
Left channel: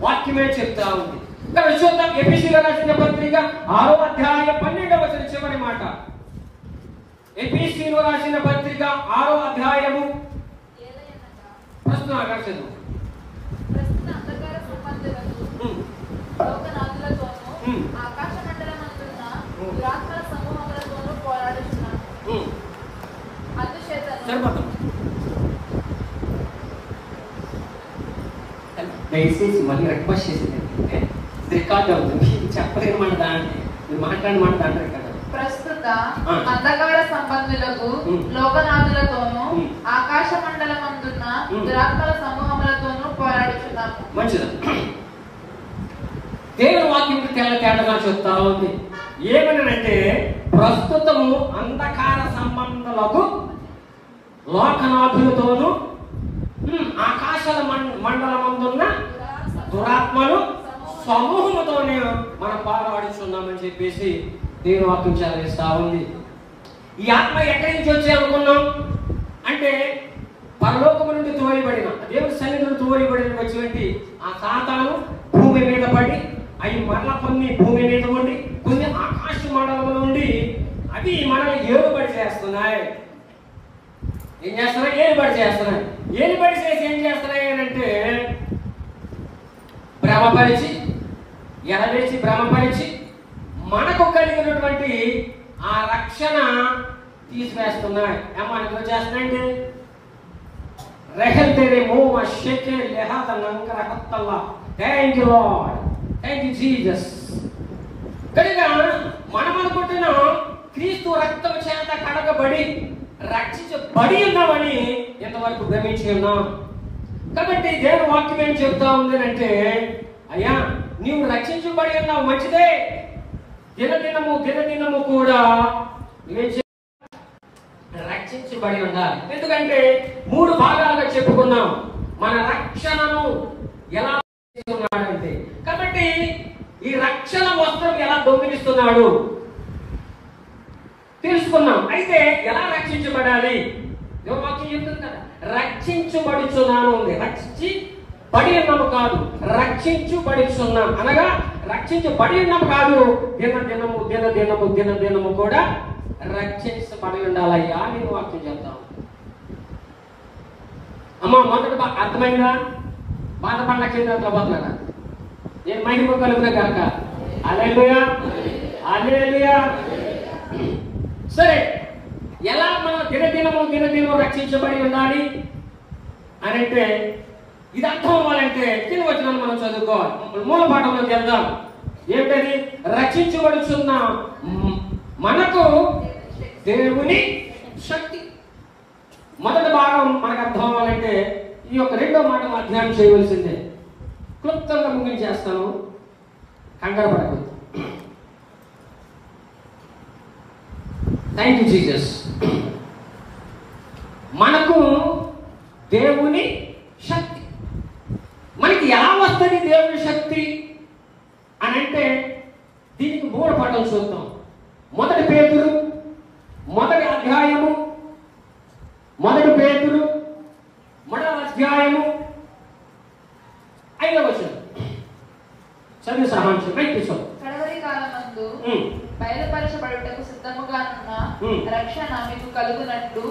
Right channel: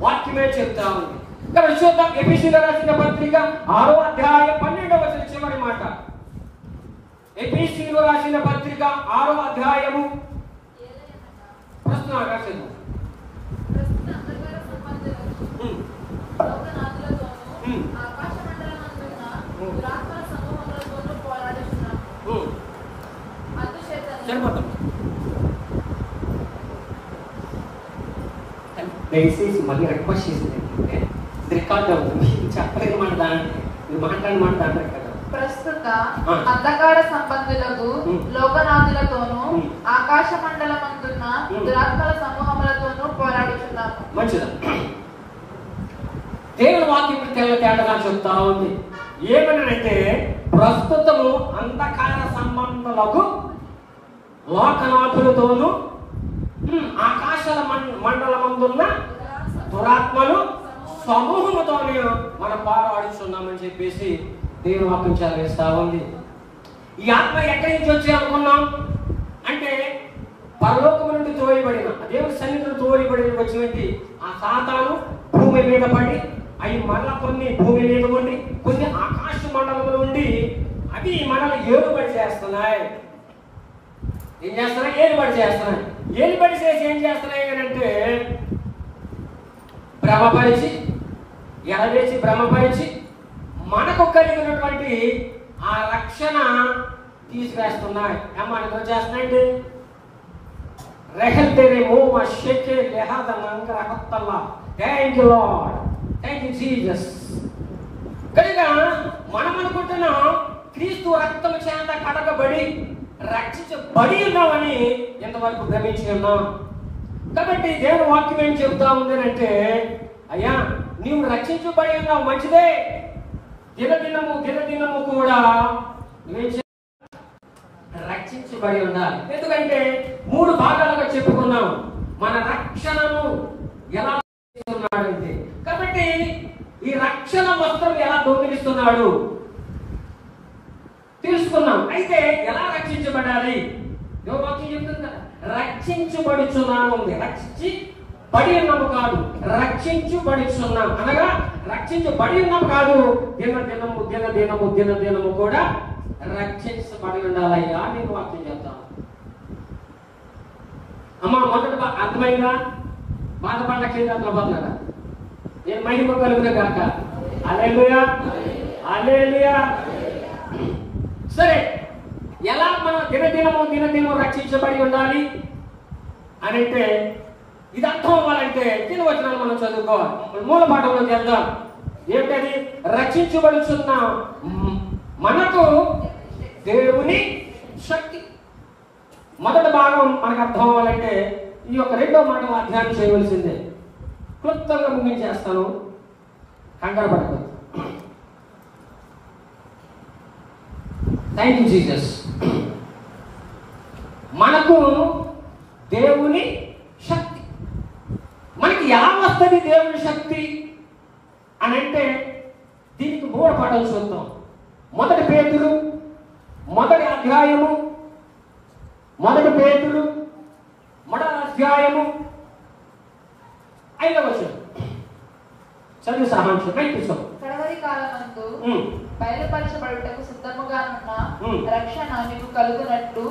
వాక్యమే చెప్తా ఉంది. ఇక్కడ చూద్దాం. ఎఫెసీయులకు రాసిన పత్రిక 6వ అధ్యాయం 12వ వచనం చివరి మాట. ఎఫెసీయులకు రాసిన పత్రిక 6వ అధ్యాయము ప్రశ్న ఆకర్షణ. దయచేసి మళ్ళీ రిక్వెస్ట్ చేసింది, రికార్డు అవుతుంది, చెప్పలేని మాట దాన్ని మాట్లాడిన మాట దాంట్లో ప్రస్తుత అంధకార సంబంధులకు లోకనాథులతోనూ ఆకాశ మండలమందున్న దురాత్మల సమూహములతోనూ పోరాడుచున్నాము. మంచిదా? దేవుని వాక్యం తేడాగా చెప్తా ఉంది. ఏమనంటే ప్రస్తుతము అంధకార సంబంధులకు లోకనాథులతోనూ ఆకాశాల మండలమందున్న దురాత్మలు సమూహముతోనే మనం పోరాడుచున్నామని చెప్పేసి దేవుని వాక్యం చదివిస్తా ఉంది. ఈ ఆత్మ ఎక్కడి నుంచి వచ్చి అనుకున్నాం అంటే పరలోకము నుండి తోయబడిన దేవుని సన్నిధిలో తోయబడిన వచ్చినటువంటి ఆ సాతాను భూమి మీద పడి అవి మళ్ళా కొన్ని భూమి మీద ఉండి కొన్ని ఆకాశ మండలంలో ఉండి అవి మనల్ని ఏలుబడి చేస్తున్నాయి. ఏం చేస్తున్నాయి? ఏలుబడి చేస్తున్నాయి. ఏలుబడి చేసి ఏం చేస్తున్నాయి అని అంటే భ్రమపరిచి ఎడవేసి భ్రమపరిచి మనకు కలిగినటువంటి ఆ రక్షణ తీసివేస్తున్నాయి. ఏమని చేస్తున్నాయండి? రెహల్ తెరే మోమ షెకే లెహద మంగర హత్తల్లా. Thank you Lord, thank you Jesus. కనుక మనం అనుకుంటున్నాం క్రీస్తు రక్తం చేత కడగబడి రక్షించబడి ఉన్నామని ఎంతవరకు భ్రమించి ఉన్నాం. కాబట్టి దేవుని వాక్యం ఏం చెప్తా ఉంది అంటే, అయ్యా నీవు రక్షించబడి ఉన్నావు, మంచిదే. దినదినము కూడా రక్షించబడి ఉండాలి. ఎందుకంటే 3 భాగాలుగా చెప్పుకున్నాం మన రక్షణను ఎలా ఉన్నాడంటే. కాబట్టి ఈ రక్షణ వస్త్రం ఎలా దొంగిలిస్తున్నాడు తెలుసుకున్నాం. అయితే ఎలా రక్షించబడాలి? వాక్యం చెప్తుంది కదా, రక్షించబడుచున్నాము ఉంది. రక్షించబడి ఉన్నాము కాదు, రక్షించబడుచున్నాం అనగా రక్షించబడి ఉన్నాము కాదు, దినదినము కూడా రక్షించబడి ఉండాలయ్యా నేను వాక్యం చెప్తాను. అమ్మ మొదటి అర్థమైందా? బాధపడిన క్షేత్రంలో పోతున్నాడా? నేను మహిమ కలుగునే కనుక హల్లెలూయా, హల్లెలూయా. సరే, ఎలా మనం దినదినము రక్షించబడి ఉండాలి అని అంటే ఇది అర్థం అవ్వాలంటే కింద వచ్చిన మనం చదువుకోవాలి. మూల పాఠంలోకి వెళ్దాం. ఏమిటది? రక్షించబడుచున్న మనకు దేవుని శక్తి. మొదటి భాగం మనకు అర్థం అవ్వాలంటే ఈ యొక్క 2వ మాట అధ్యయనం చేయవలసిందే. క్లుప్తంగా ముగించేస్తాను, కంగారు పడకూడదు. Thank you Jesus. మనకు దేవుని శక్తి. మనకి ఎలా వస్తుంది దేవుని శక్తి అని అంటే దీనికి 3 పాఠాలు చూద్దాం. మొదటి పేతురు 1వ అధ్యాయము, 1 పేతురు 1వ అధ్యాయము 5వ వచనం చదివి సారాంశం కూర్చోం. కడవరి కాలమందు బయలుపరచబడుటకు సిద్ధముగానున్న రక్షణ మీకు కలుగునట్లు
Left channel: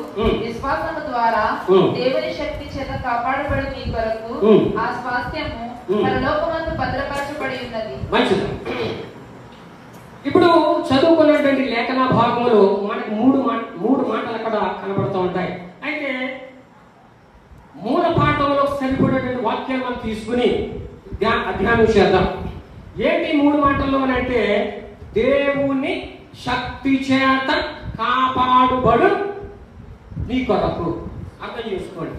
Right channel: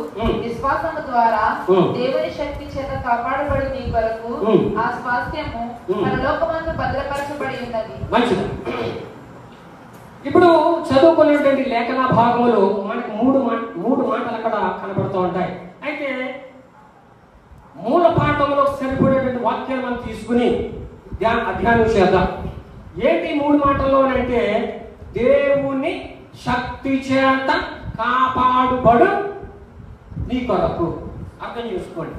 విశ్వాసము ద్వారా దేవుని శక్తి చేత కాపాడబడి మీ కొరకు ఆ స్వాస్థ్యము పరలోకమందు భద్రపరచబడి ఉన్నది. మంచిది. ఇప్పుడు చదువుకున్నటువంటి లేఖన భాగంలో మనకు 3 మాటలు అక్కడ కనబడుతూ ఉంటాయి. అయితే మూల పాఠంలో సరిపడేటువంటి వాక్యాలు మనం తీసుకుని అధ్యయనం చేద్దాం. ఏంటి 3 మాటల్లో అంటే దేవుని శక్తి చేత కాపాడుబడు నీ కొరకు. అర్థం చేసుకోండి.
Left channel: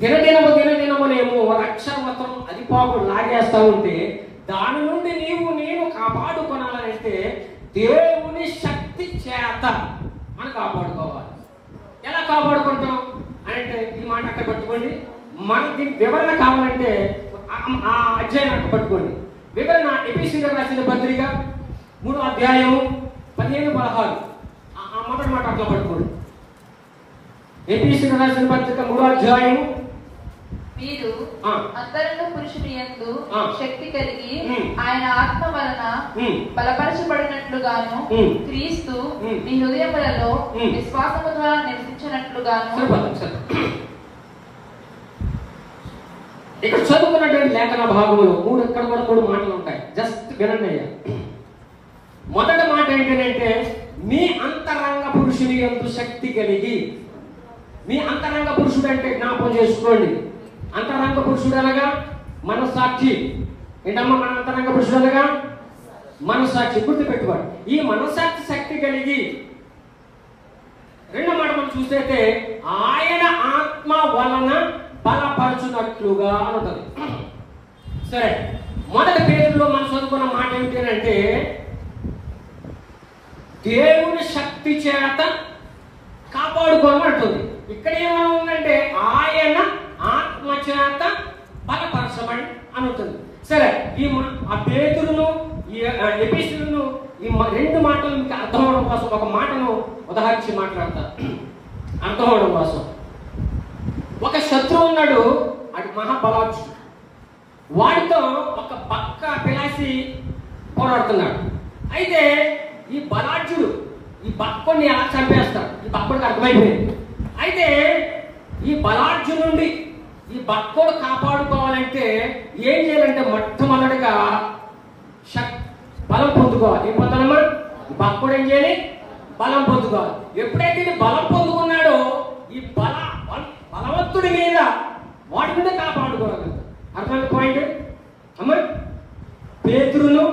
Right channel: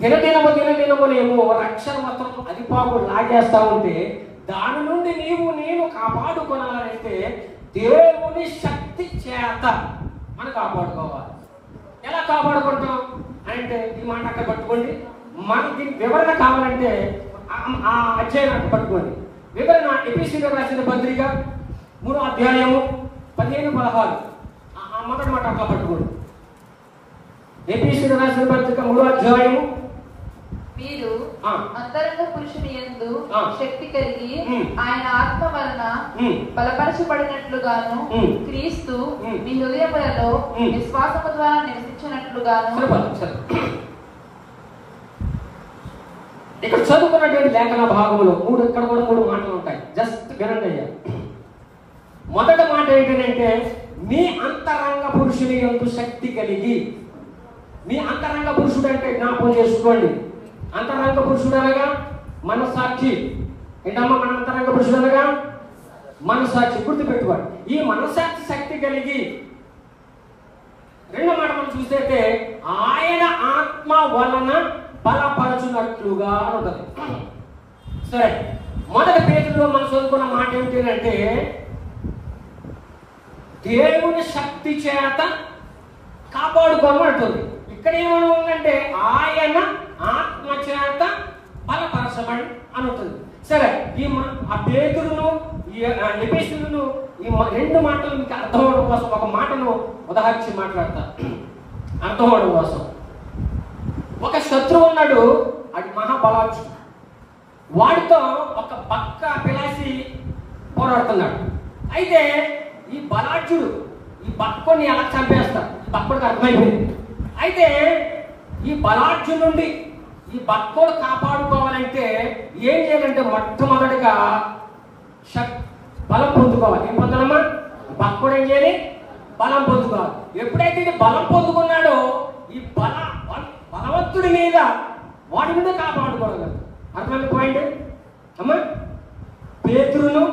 దినదినమునేమో రక్షణతో అధిపాకు లాగేస్తా ఉంటే దాని నుండి నేను కాపాడుకోవాలంటే దేవుని శక్తి చేత మనం కాపాడుకోవాలి. ఎలా కాపాడుకుంటాం అంటే ఈ మాట అక్కడ పట్టుకోండి. మనకి వివరణ కావాలంటే ఆ అధ్యాయం పట్టుకోండి. వివరణ ఎఫెసీయులకు రాసిన పత్రిక 3వ అధ్యాయము 15-16 మొదటి మాట అట్లా పట్టుకోండి. ఎఫెసీయులకు రాసిన పత్రిక 3వ అధ్యాయము. మీరు అంతరంగ పురుషుని యందు శక్తి కలిగి ఆయన ఆత్మ వలన బలపరచబడినట్లుగాను క్రీస్తు మీ హృదయములలో విశ్వాసము ద్వారా నివసించినట్లుగాను. ఇక్కడ చదువుకున్నటువంటి లేఖన భాగంలో 3 మాటలు ఉంటాయి. జస్ట్ వినండి. మొదటి మాట ఏంటంటే మీ అంతరంగ పురుషుని యందు శక్తి కలిగి. మీ అంతరంగ పురుషుడు అంటే జ్ఞాపకం చేసుకోండి. అంతరంగ పురుషుడు అనగా మనస్సాక్షి. ఏంటమ్మా మన అంతరంగ పురుషుడు అనగా? మనస్సాక్షి. గుర్తు పెట్టుకోండి. ఈ మనస్సాక్షి శక్తి కలిగి 2వ మాట మనం చూస్తే ఆయన ఆత్మ వలన బలపరచునట్లుగా ఉంటుంది. సరే, మొదటి పేజీలో మనం చదువుకున్న మాట ఏమిటి అంటే దేవుని శక్తి చేత కాపాడుకోవాలంటుంది. ఇక్కడ ఏమవుతుందంటే ఆయన ఆత్మ చేత బలపరచబడి అనుతుంది. సరే, ఆ పేతురును ఈ ఎఫెసీయులను ఈ రెండు మాటలు మీకు అర్థం అవడం కోసం ఒక మాటను ఉదాహరించి మాట్లాడతా. అర్థం అవడం కోసం, ఒక శత్రువు ఉన్నాడు, అది మహాబలాక్షుడు. వాడితో ఒక పక్క పిలాసి పోరాడుతున్నాడు. అయితే ఈ బలాఢ్యుడు ఈ బక్కని ఎలా చంపేస్తాడు, ఈ బక్కడికి అర్థమైపోయింది. అయితే ఈ బలాఢ్యు నుండి ఈ బక్కోడు కాపాడుకోవాలంటే ఏం చేయాలంటే మొట్టమొదటిగా బలం పొందుకోవాలి. ఏం పొందాలమ్మా? బక్కోడు ఏం చేయాలి? బలం పొందుకోవాలి. ఎప్పుడైతే బలం పొందుకున్నాడో ఈ బలవంతుడి మీద వాడి మీద కాపాడుకోవాలి. అర్థమైన పాయింట్ అమ్మా. పేతురును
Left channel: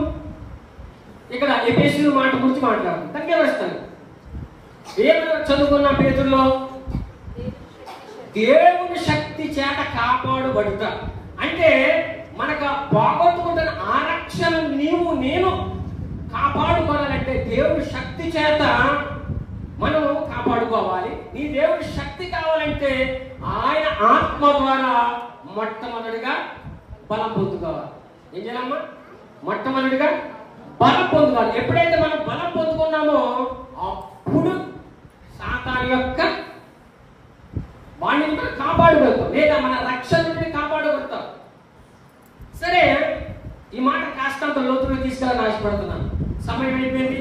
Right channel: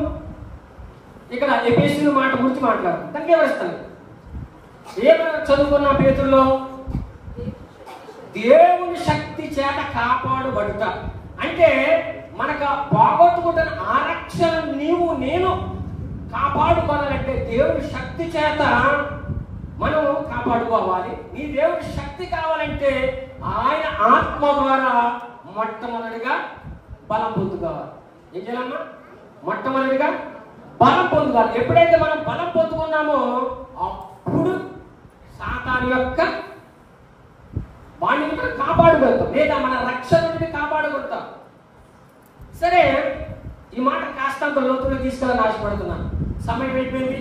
ఇక్కడ ఎఫెసీయుల మాట గురించి మాట్లాడు. దగ్గర వస్తాను. ఏమైనా చదువుకున్న పేతురులో దేవుని శక్తి చేత కాపాడుబడతారు. అంటే మనకు పోగొట్టుకుంటున్న ఆరక్షణ నీవు నేను కాపాడుకోవాలంటే దేవుని శక్తి చేత మనం కాపాడుకోవాలి. నీ దేవుని శక్తి కావాలంటే ఆయన ఆత్మ ద్వారా మొట్టమొదటిగా బలం పొందుకోవాలి. ఏం చేయాలమ్మా? మొట్టమొదటిగా బలం పొందుకోవాలి. ఎప్పుడైతే మనం బలం పొందుకున్నామో అప్పుడు సాతాను యొక్క వాడిని కాపాడగలుగుతాం, లేదా మన రక్షణ నుండి కాపాడగలుగుతాం. సరే, ఈ మాట కాస్తంత లోతులో తీసుకెళ్ళని ఆశపడుతున్నాను. సమయం అయిపోయింది,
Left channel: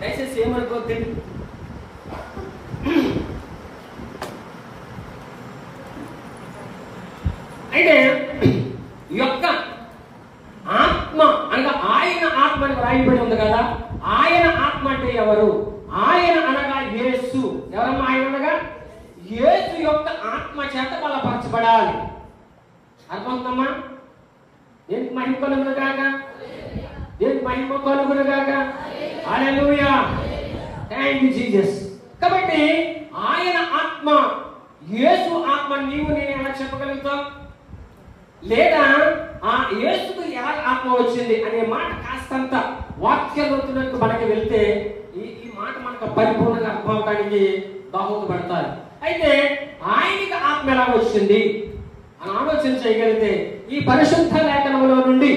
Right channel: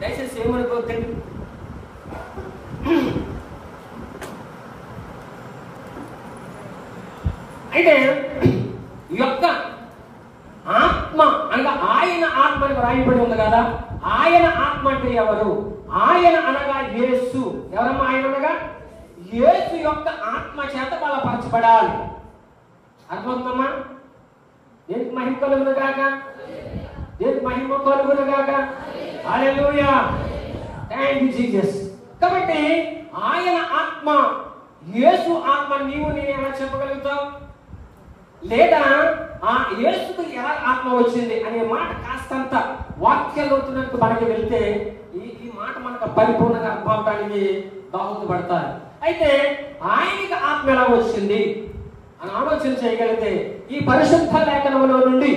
దయచేసి ఏమనుకోవద్దండి. అయితే ఈ యొక్క ఆత్మ అనగా ఆయన ఆత్మ అని రాయబడి ఉంది కదా. ఆయన ఆత్మ అంటే ఎవరు? ఆయన అనగా యేసు. ఎవరమ్మా ఆయన అనగా? యేసు యొక్క ఆత్మ చేత బలపరచబడాలి. అర్థమవుతుందమ్మా? దేనికి మహిమ కలుగును గాక, దేనికి మహిమ కలుగును గాక. హల్లెలూయా, థాంక్ యూ జీసస్. కాబట్టి ఆయన ఆత్మ, యేసు ఆత్మ నీవు నేను ఎలా చెప్పగలుగుతాం? లేదా ఆ యేసుకు ఎలా ఆత్మ వచ్చింది అనే మాట కాస్తంత వాక్యంలోతులకు మనకి వెళ్తే ఈ మాట మనకు పరిపూర్ణంగా అర్థం అవడానికి దోహదపడతారు. అయితే ఆయనకి ఆత్మ ఎలా వచ్చింది అని ఆలోచన చేయగలిగితే ఈ పరిశుద్ధ లేఖనంలో నుండి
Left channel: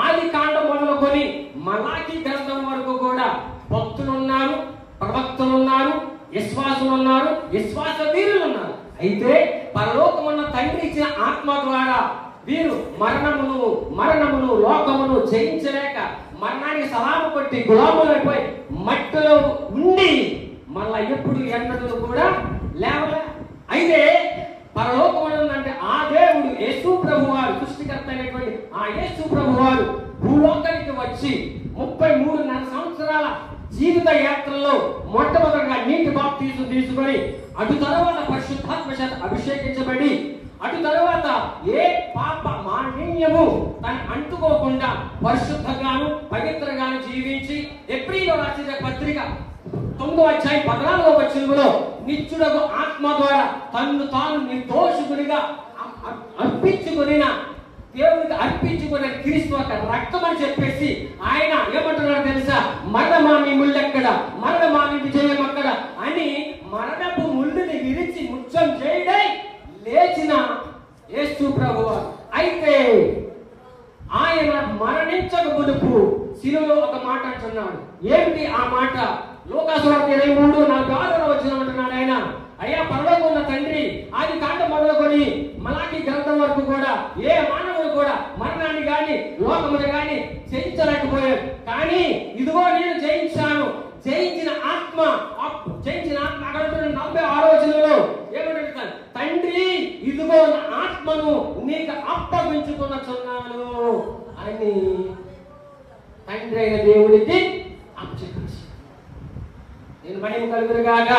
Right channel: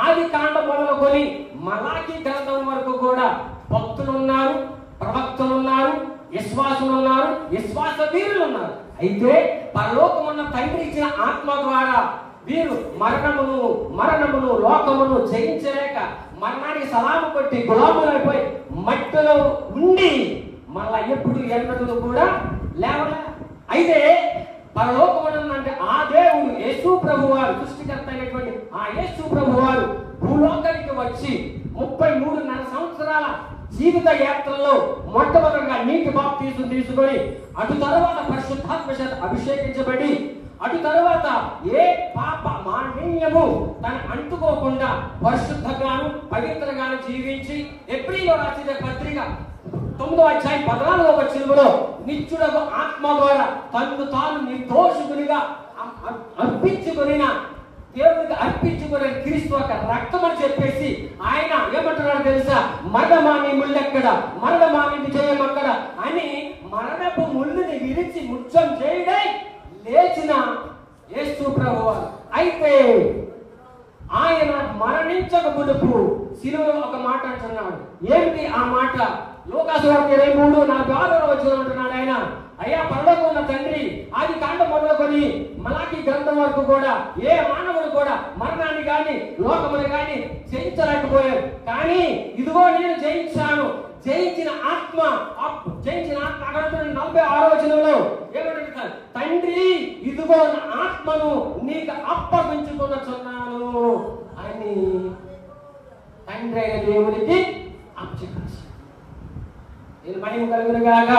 ఆది కాండం మొదలుకొని మలాకి గ్రంథం వరకు కూడా భక్తులు ఉన్నారు, ప్రవక్తలు ఉన్నారు, విశ్వాసులు ఉన్నారు, విశ్వాస వీరులు ఉన్నారు. అయితే పరలోకమున్న తండ్రి ఇచ్చిన ఆత్మ ద్వారా వీరు మరణమును లోకమును జయించలేక మరణానికి సలాము కొట్టి గులాములైపోయి మట్టిలో ఉండి మళ్ళా ఎప్పుడు ఎన్నడూ కూడా లేవలే. అయితే పరలోకమున అంటే ఆ దేవుడు యేసు ప్రభువారు, సృష్టికర్త అయినటువంటి ఆ యేసు ప్రభువారు భూలోకానికి వచ్చి 33 సంవత్సరాల జీవిత యాత్రలో మొట్టమొదటిగా నీటి బాప్తిజం తీసుకొని అటు తర్వాత పరిశుద్ధాత్మ చేత అభిషేకించబడి అటు తర్వాత ఏ పాప మాలిన్యము తను అంటుకోకుండా పరిశుద్ధంగాను పవిత్రంగాను జీవించి ఎబ్రీయులకు రాసిన పత్రిక 9వ అధ్యాయం 14వ వచనంలో నిత్యుడగు ఆత్మ ద్వారా తన్ను తాను నిర్దోషునిగా అర్పించుకున్న దేవుడికి అర్పించుకునే క్రీస్తు యొక్క రక్తం అని చెప్పేసి ఆయన ఏమంటున్నాడు తెలుసా? మరణమా నీ ముళ్ళెక్కడ, మరణమా నీ విజయం ఎక్కడ అని మరణపు ముళ్ళుని విరిచి ముత్యం చేయడై లేచిన యేసు ప్రభువు. అయితే ఆయన మరణించక మునుపు శిలువలో ఒక మాట అంటున్నాడు. ఏంటి ఆ మాట? లూకాసు వార్త 23:46 వచనం అంటున్నాడు ఆయన, అయ్యా పరలోకం ఉన్న తండ్రి ఆది కాండం మొదలుకొని మలాకి గ్రంథం వరకు కూడా ఏ మానవుడు కూడా మరణాన్ని కానీ లోకముని కానీ జయించలేకపోయాడు. కానీ ఇదిగో నేను జయించాను, జయించిన ఆత్మ 46వ వచనంలో ఏమంటున్నాడు? తండ్రి ఇదిగో నా ఆత్మను నీకు అప్పగించుకొనుచున్నాను అని తండ్రి అయిన దేవుడికి అప్పగించాడు. నేను మహిమ కలుగును గాక.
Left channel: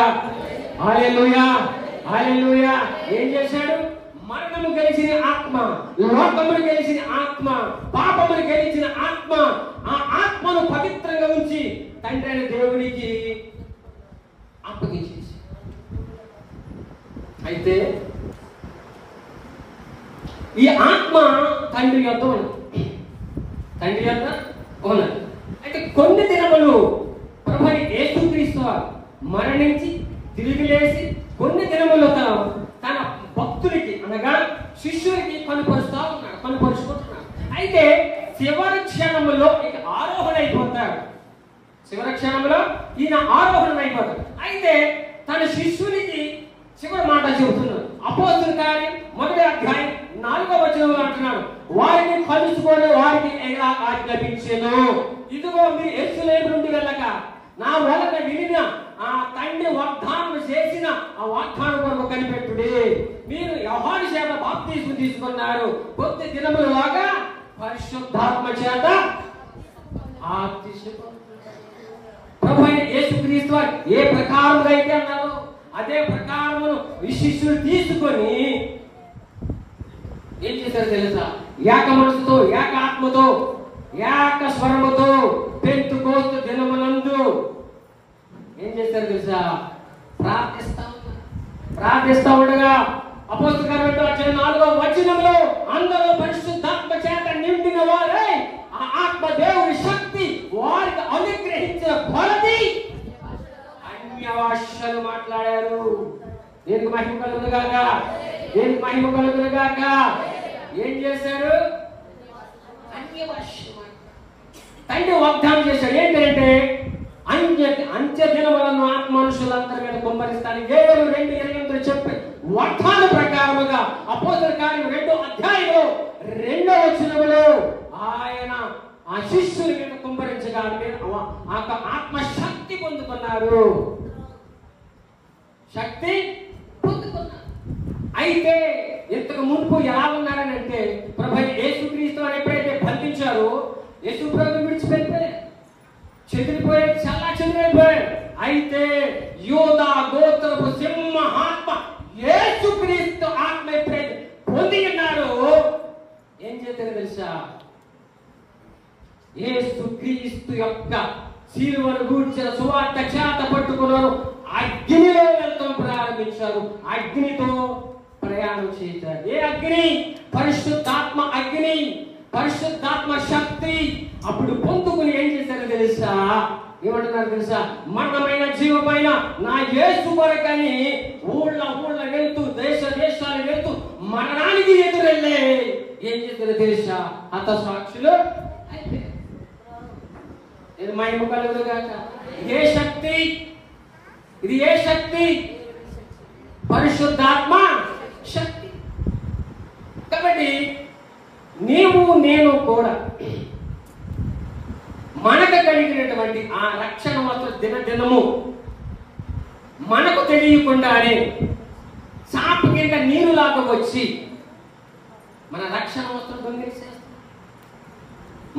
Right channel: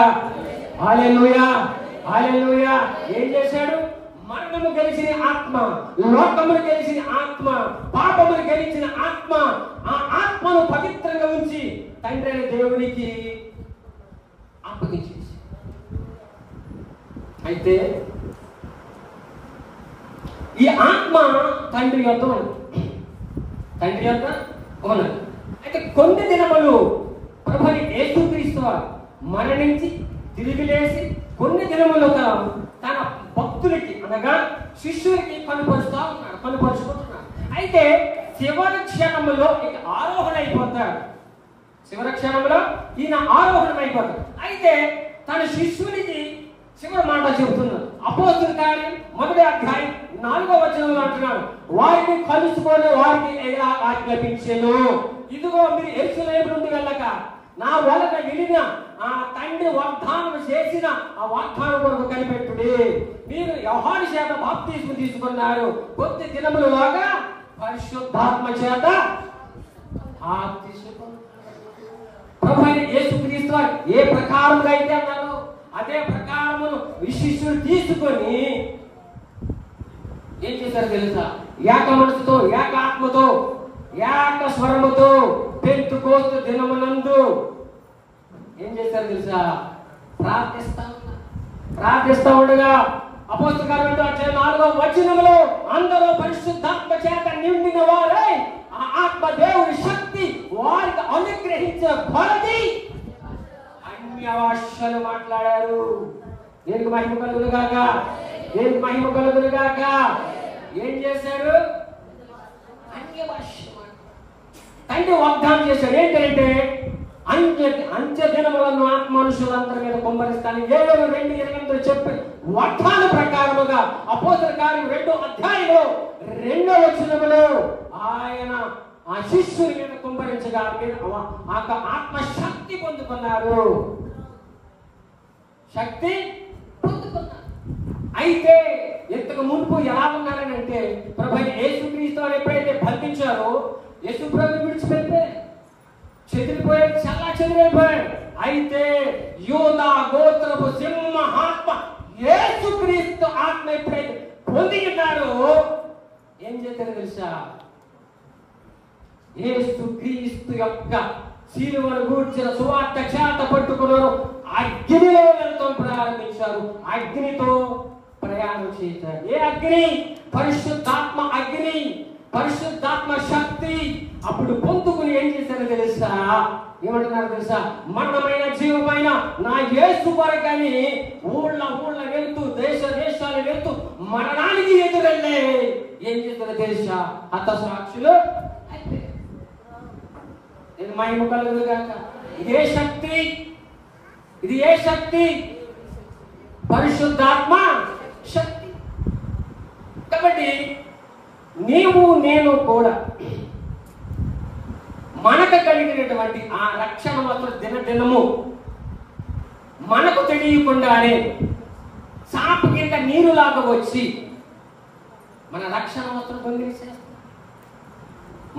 హల్లెలూయా, హల్లెలూయా. ఏం చేశాడు? మరణము గెలిచిన ఆత్మ, లోకమును గెలిచిన ఆత్మ, పాపమును గెలిచిన ఆత్మ, ఆ ఆత్మను పవిత్రంగా ఉంచి తండ్రి అయిన దేవునికి అప్పగించేసి. అయితే ఈ ఆత్మ తండ్రి యొద్ద ఉన్నది, తండ్రి యొద్ద ఉన్నది. అయితే కొన్ని దినములు మరణించి తిరిగి లేచి కొన్ని దినములుగా తన భక్తులకి అనగా శిష్యులకి కనుపరుచుకుంటున్నాడు. అయితే చివరి క్షణంలో ఇక ఆరోహణ అయిపోతాడు. చివరి క్షణంలో ఈయన ఆరోహణ అయిపోతాడు. అయితే తన శిష్యునికి చివరి మాట చెబుతున్నాడు. అపోస్తుల కార్యం 1వ అధ్యాయం 4వ వచనంలో అంటున్నాడు, వారిని కలుసుకొని వారికి ఎలా ఆజ్ఞాపించెను, ఇదిగో మీరు యెరూషలేము నుండి వెళ్ళక నా వలన వినిన ఆ తండ్రి వాగ్దానం చేసిన ఆ వాగ్దానం కొరకు కనిపెట్టుడి. మీరు యోహాను చేత బాప్తిస్మం తీసుకున్నారు, కొద్ది దినములలాగా పరిశుద్ధాత్మ చేత ప్రభువైన యేసుక్రీస్తు వారు ఏ ప్రకారముగా అయితే అన్నారో అదే ప్రకారము శిష్యులు తీసుకొని ఏం చేశారు తెలుసా? ఏక మనసుతో, ఏక ఆత్మతో, ఏక స్వరముతో పెంతుకోస్తు దినములందు ఏం చేశారు తెలుసా? ప్రార్థిస్తా ఉండగా అపోస్తలుల కార్యం 4వ వచనంలో అందరూ పరిశుద్ధాత్మ చేత నిండిన వారై ఆ ఆత్మ దేవుని శక్తి వారికి అనుగ్రహించిన కొలది అన్య భాషలు మాట్లాడారు. దేనికి మహిమ కలుగును గాక, దేనికి మహిమ కలుగును గాక. ఏం చేశారు? అన్య భాష తండ్రి వాగ్దానం చేశాడు. ఏంటంటే అంత్య దినములను ఆత్మ మనుషులందరి మీద కుమ్మరిస్తాను. 7:2 చెప్పి వాగ్దాన ప్రకారముగా అపోస్తలుల కార్యం 2వ అధ్యాయంలో 2వ వచనములో ఆయన ఆ శిష్యుల మీద కుమ్మరించగా ఆత్మ శక్తి పొందుకున్నారు. శక్తి పొందుకున్నారు. అయితే ఇంతకు మునుపు ఎలా ఉన్నారనంటే ప్రభువైన యేసుక్రీస్తు వారు ఎప్పుడైతే బంధించారో యేసు ప్రభువుని విడిచిపెట్టారు, చెదిరిపోయారు, చాలా చెదిరిపోయారు. అయితే యూదా గోత్రపు సింహాత్మ యేసుక్రీస్తు ఆత్మ ఎప్పుడైతే పొందినారో ఏం చేశారు తెలుసా? యేసుక్రీస్తు యొక్క శిలువను గూర్చిన సువార్త చేత పట్టుకున్నారు, అగ్నిలో వెళ్తూ ప్రారంభించారు, అగ్నితో ప్రయాణం చేశారు. ఏ అగ్ని? పరిశుద్ధాత్మ అగ్ని, పరిశుద్ధాత్మ శక్తి. అప్పుడు పొందుకుని ఏం చేశారు తెలుసా? ఏమంటున్నారు తెలుసా? మరణమైన జీవమైన నా యేసు కొరకని ఊళ్ళ వెళ్తూ దేశాలు వెళ్తూ మరణానికి ఎదురెళ్ళే ఏం చేశారో తెలుసా? హత సాక్షులు అయిపోయారు. ఇది మహిమ కలుగును గాక. ఇదే శక్తి, ఇది ఏ శక్తి? పరిశుద్ధాత్మ శక్తి. కాబట్టి నీవు నేను కూడా మనకు కలిగినటువంటి ఆ రక్షణ మాత్రం దినదినము మనకు తెలియకుండానే చాపు కింద నీరులాగా వచ్చి మన రక్షణ మాత్రం పొందేసేస్తాం.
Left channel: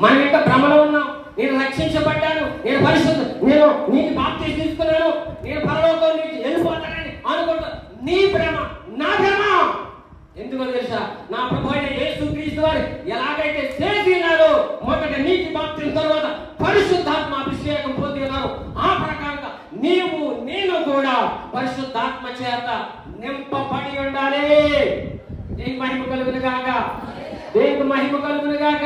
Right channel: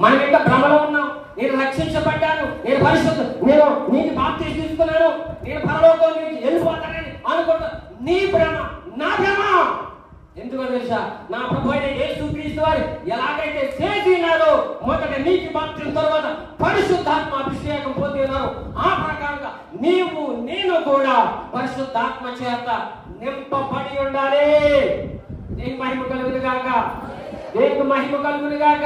మన యొక్క భ్రమలో ఉన్నాం. నేను రక్షించబడ్డాను, నేను పరిశుద్ధ, నేను నీకు బాప్తిస్మం తీసుకున్నాను, నేను పరలోకం నుంచి వెళ్ళిపోతానని అనుకుంటా. నీ భ్రమ, నా భ్రమ. ఎందుకో తెలుసా? నా ప్రభువైన యేసుక్రీస్తు వారు ఎలాగైతే చేసినారో మొదట నీటి బాప్తిస్మం తర్వాత పరిశుద్ధాత్మ అభిషేకం పొందినారు, ఆ ప్రకారంగా నీవు నేను కూడా పరిశుద్ధాత్మ చేత నింపబడి ఉండాలి. దేవుని మహిమ కలుగును గాక, దేవుని మహిమ కలుగును గాక.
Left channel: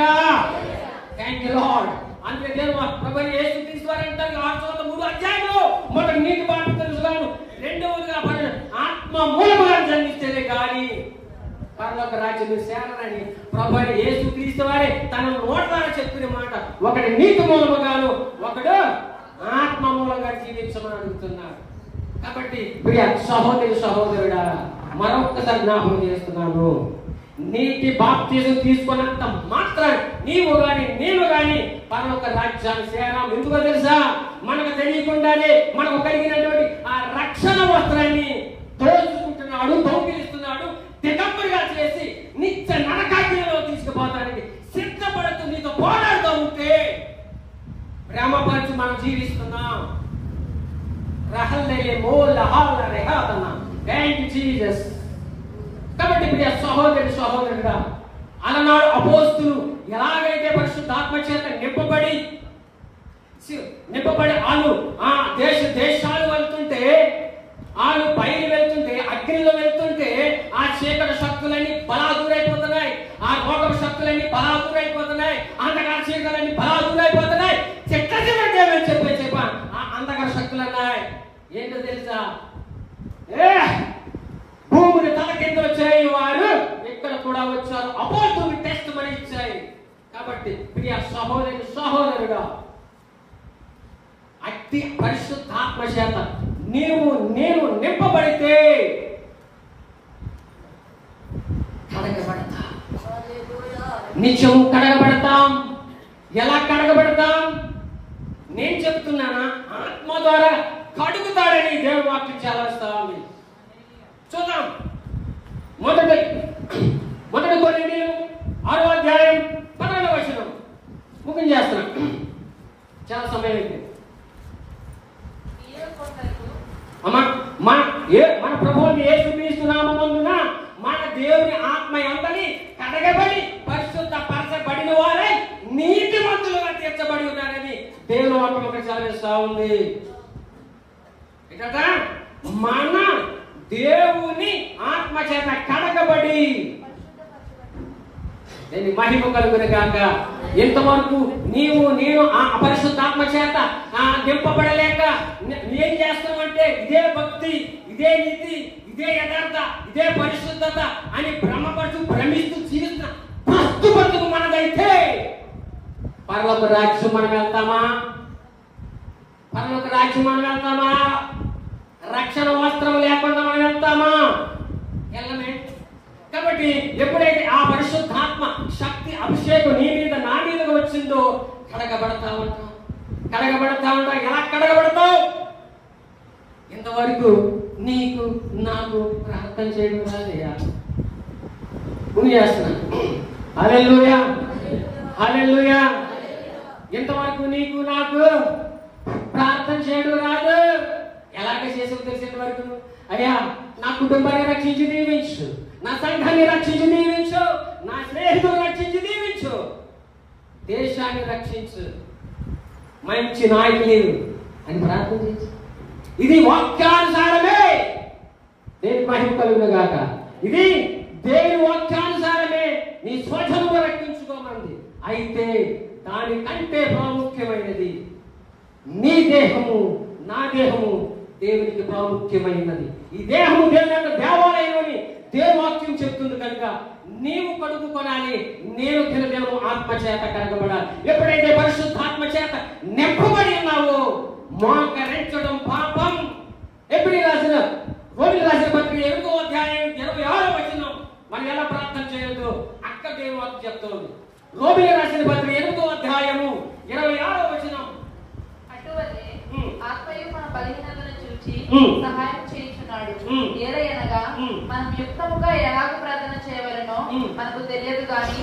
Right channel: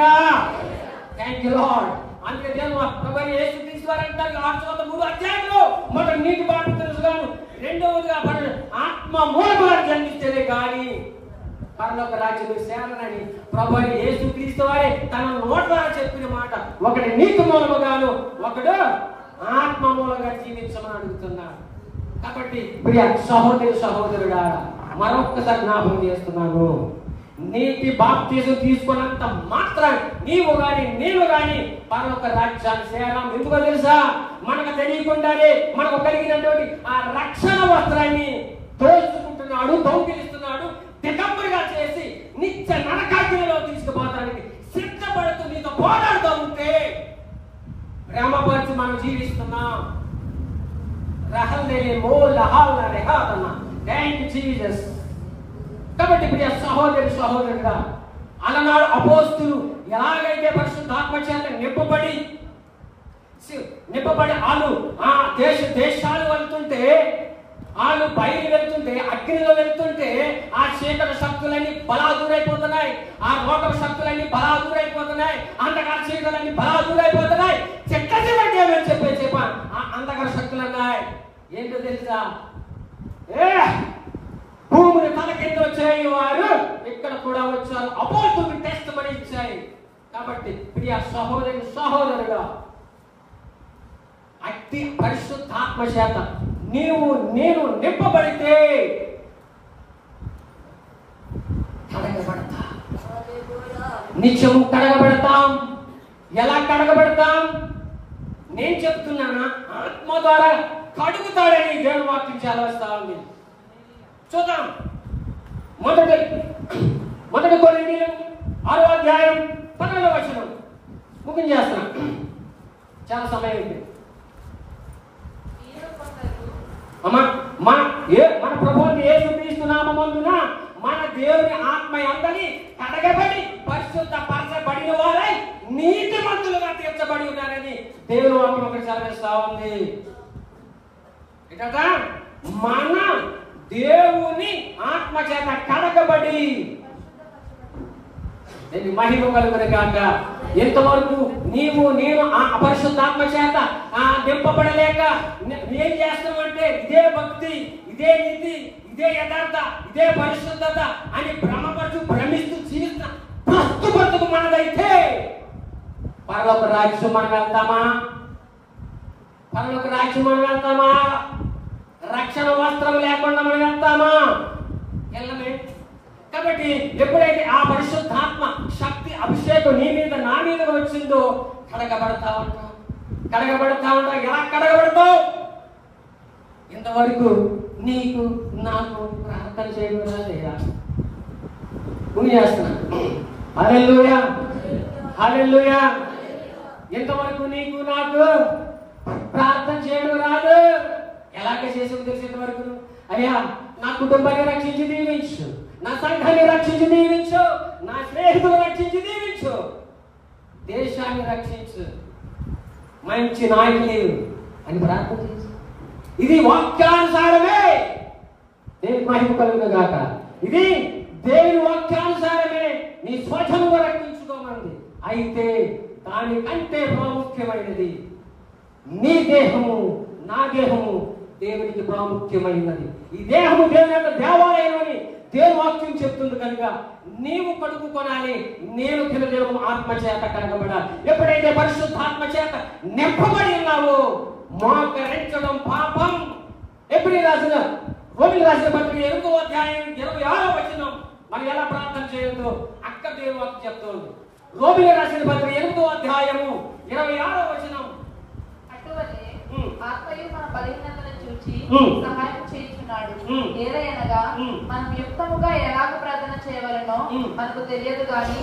Thank you lord. అందుకే దేవుడు ప్రభువైన యేసుక్రీస్తు వారు అంటారు 6:3 అధ్యాయంలో మొదట నీటి బాప్తిస్మం, రెండవదిగా ఆత్మ మూలముగా జన్మిస్తేనే గాని పరలోక రాజ్యం చేరనని ప్రభువైన యేసుక్రీస్తు వారే తన నోట ద్వారా చెప్పిన మాట. ఒకటి నీతి మూలముగాను, ఒకడు ఆత్మ మూలంగా జీవించమని అడుగుతున్నారు. కాబట్టి ప్రియ సహోదరి సహోదరుడా, మరొకసారి జ్ఞాపకం చేస్తున్నాను, నీటి బాప్తిస్మం తీసుకున్నంత మాత్రం నీవు గాని నేను గాని పరలోక రాజ్యాన్ని చేరాం. ఎందుకో తెలుసా? మనకు తెలియకుండానే మనకు కలిగినటువంటి ఆ రక్షణ వస్త్రాన్ని దోచుకుంటున్నాడు, దొంగిలిస్తున్నాడు, దిగంబరిగా చేసి నిత్య నరకాగ్నిలో తీసుకుపోతానికి సిద్ధపడుతూ నీతో పోరాడుతూ ఉంటే ప్రేమపరచి మనం జీవిస్తున్నాం. కాబట్టి ప్రియ సహోదరి సహోదరుడా, అలనాడు అపోస్తులు ఎలాగైతే పరిశుద్ధాత్మ చేత నింపబడి వాళ్ళు ఆ దేశాలు వెళ్తుంటే, వాళ్ళు పైకి వెళ్తుంటే, అగ్నిలో వెళ్తుంటే ఆ చీకటి శక్తులన్నీ బలాదూరైపోతున్నాయి, ఆ రోగ శక్తులన్నీ బలాదూరైపోతున్నాయి, అంధకార చీకలన్నీ బలాదూరైపోతున్నాయి. చెప్పా ఆ అంధకార శక్తులు అన్నాయి ఏంటో తెలుసా? భూమిని తలకెత్తి వచ్చాయి వారు ఇక్కడ కూడా వచ్చారు, అపోస్తులు టెస్ట్ మని ఇచ్చాయి. కాబట్టి ప్రియ సహోదరుగా అట్టి పరిశుద్ధాత్మ చేత నేను నింపబడితే కడగబడతా, నిత్యం కడగబడతాం. ఎలా కడగబడతాం? నేను చెప్తున్నానా? ఆత్మ ద్వారా కడుగుతాడని దేవుని వాక్యం చేస్తా ఉంది. చూద్దాం. మొదటి కొరింథీయులు 6వ అధ్యాయం 12వ వచనం ముగించేస్తున్నాం, చాలా సమయం అయింది. అమ్మా మన ప్రభువుని యేసుక్రీస్తు నామమున మన దేవుని ఆత్మ అందరినీ కడగబడి పరిశుద్ధ పరచబడిన వారై నీతిమంతులుగా తీర్చబడి ఉన్నారని దేవుని వాక్యం చదివిస్తా ఉంది. కదా మన దేవుని ఆత్మ చేత కడగబడి మహిమ కలుగును గాక. ఎంతవరకు నేను ఆ పరిశుద్ధాత్మ చేత నింపబడలేక ఏం చేస్తామంటే ఇదే భక్తి, ఇదే నీతి, ఇదే యథార్థ, ఇదే పరిశుద్ధత అని భ్రమిస్తూ జీవిత ప్రస్తుతం మనదైతే పరలోక రాజ్యం మనం వెళ్తామా? పరలోక రాజ్యం మనం వెళ్తామా? రక్షణ వస్త్రం లేకుండా మనం వెళ్తామా? వెళ్ళమే. కాబట్టి ఎప్పుడైతే ఆ పరిశుద్ధాత్మ శక్తి అభిషేకం నీ మీద నా మీద వచ్చిందో కడగబడతా ఉంటా. ఎలా కడగబడతావు? ఇంతవరకు నీకు నాకు ప్రార్థన చేయడం రాలేదా? హల్లెలూయా, హల్లెలూయా. ఇంతవరకు నీకు నాకు ప్రార్థన చేయడం రాదు. ఎలాగ చేసి తెలిసిన వరకు అయ్యా నా కుటుంబాన్ని రక్షించి దీవించు, నా సంఘాన్ని రక్షించి దీవించు, నా స్నేహితులు రక్షించి దీవించు, దేశాన్ని రక్షించు, మంచి నాయకులు అని ప్రార్థన చేసి ఇది వాక్యానుసారమే. దేవుని మహిమ కలుగును గాక. ఇది దేవుని వాక్యానుసారమే నీ స్వజనువు రక్షించుకోమంది. అయితే దానికంటే ప్రాముఖ్యమైనది నీ దేహము, నా దేహము దేవునికి ప్రాముఖ్యమైనది. ఈ దేహము దేవుని యొక్క దేవాలయం అని దేవుని వాక్యం చెప్తుంది కనుక నీవు కడుగుకొనాలి. నేను దినదినము ఆత్మ చేత కడగబడాలి. ఎప్పుడైతే పరిశుద్ధాత్మ చేత నింపబడి ఉన్నావో మోకరించడం పాపం. ఎప్పుడు రాసిన పత్రిక 8వ అధ్యాయం 26వ వచనం మనం ఎలా ప్రార్థన చేయొద్దు అక్క దేవుని వాక్యం చెప్తుంది. రోమిలకు రాసిన పత్రిక 8వ అధ్యాయము 26వ వచనం సహాయం చేయుచున్నాడు. ఏలయనగా మనం యుక్తముగా ఎలాగ ప్రార్థన చేయవలెనో మనకు తెలియదు గాని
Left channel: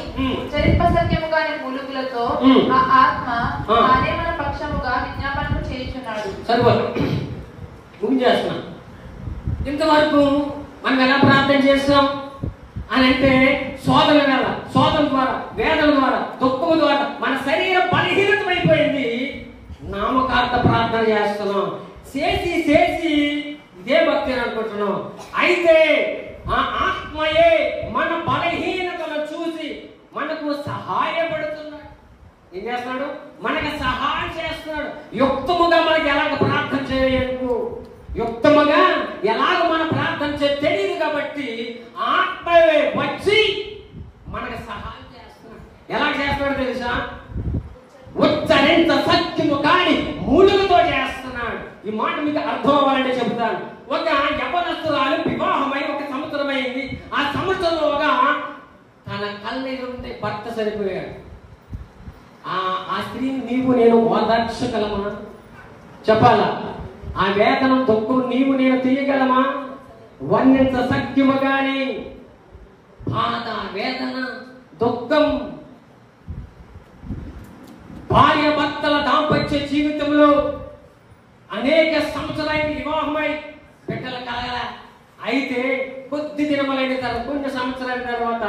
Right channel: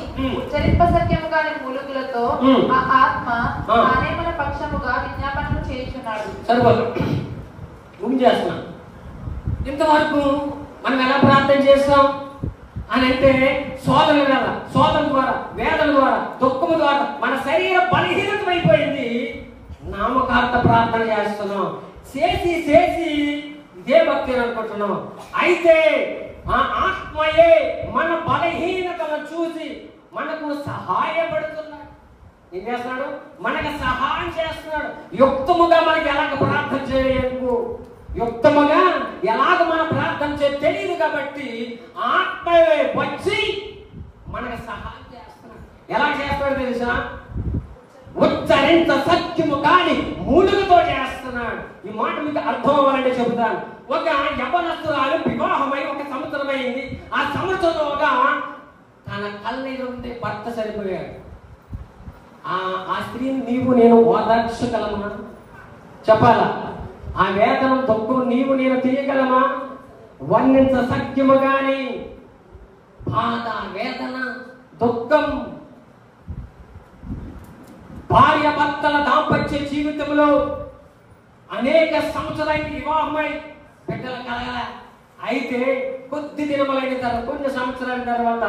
చరిత్ర సత్యముగా మూలుగులతో ఆ ఆత్మ తానే మన పక్షముగా విజ్ఞాపనం చేయుచున్నాడు. ముగించేస్తున్నాం. ఇంతవరకు మనం ఎలా ప్రార్థన చేస్తాం అని అంటే శోధన ద్వారా, వేదన ద్వారా, దుఃఖం ద్వారా మన శరీర బలహీనత అయిపోయింది. నామకార్థ ప్రార్థన చేస్తున్నాం. చేసి ఇదే భక్తి అనుకుంటున్నాం. అయితే ఆ ఆత్మయే మన బలహీనతను చూసి మనకు సహాయపడుతున్నాడు. ఏం చేస్తున్నాడు? మనకు సహాయం చేస్తున్నాడు. యుక్తముగా మనకి ఎలాగ ప్రార్థన చేయలేదు, యుక్తముగా ఎలాగ మనం ప్రార్థన తెలియదు కాబట్టి ఆత్మయే వచ్చి మనకు సహాయం చేస్తున్నాడు. ఎలా చేస్తున్నాడు తెలుసా? ఉచ్చరింత సత్యము కాని మూలుగుతో చేస్తున్నాడు. ఈ మాట మీకు అర్థం అవ్వాలంటే చెప్తాను. ఒక యవనస్తురాలు వివాహమై 1 సంవత్సరం అయింది. ఆ సంవత్సరంలోగా తన కళ్ళెదురుంటే భర్త సరిపోయాడు. ఆ స్త్రీని నీవు నేను ఓదార్చగలమా? చెప్పాలా? ఆ వేదన దుఃఖం నీవు నేను తీయగలమా? వర్ణించ సత్యము గాని బాధ, వేదన, దుఃఖం, భార్య భర్తల దాంపత్య జీవితంలో అనేక సంవత్సరాలకి వివాహమై బిడ్డలు కలగల. అయితే కొద్ది దినములైన తర్వాత, కొన్ని సంవత్సరాల తర్వాత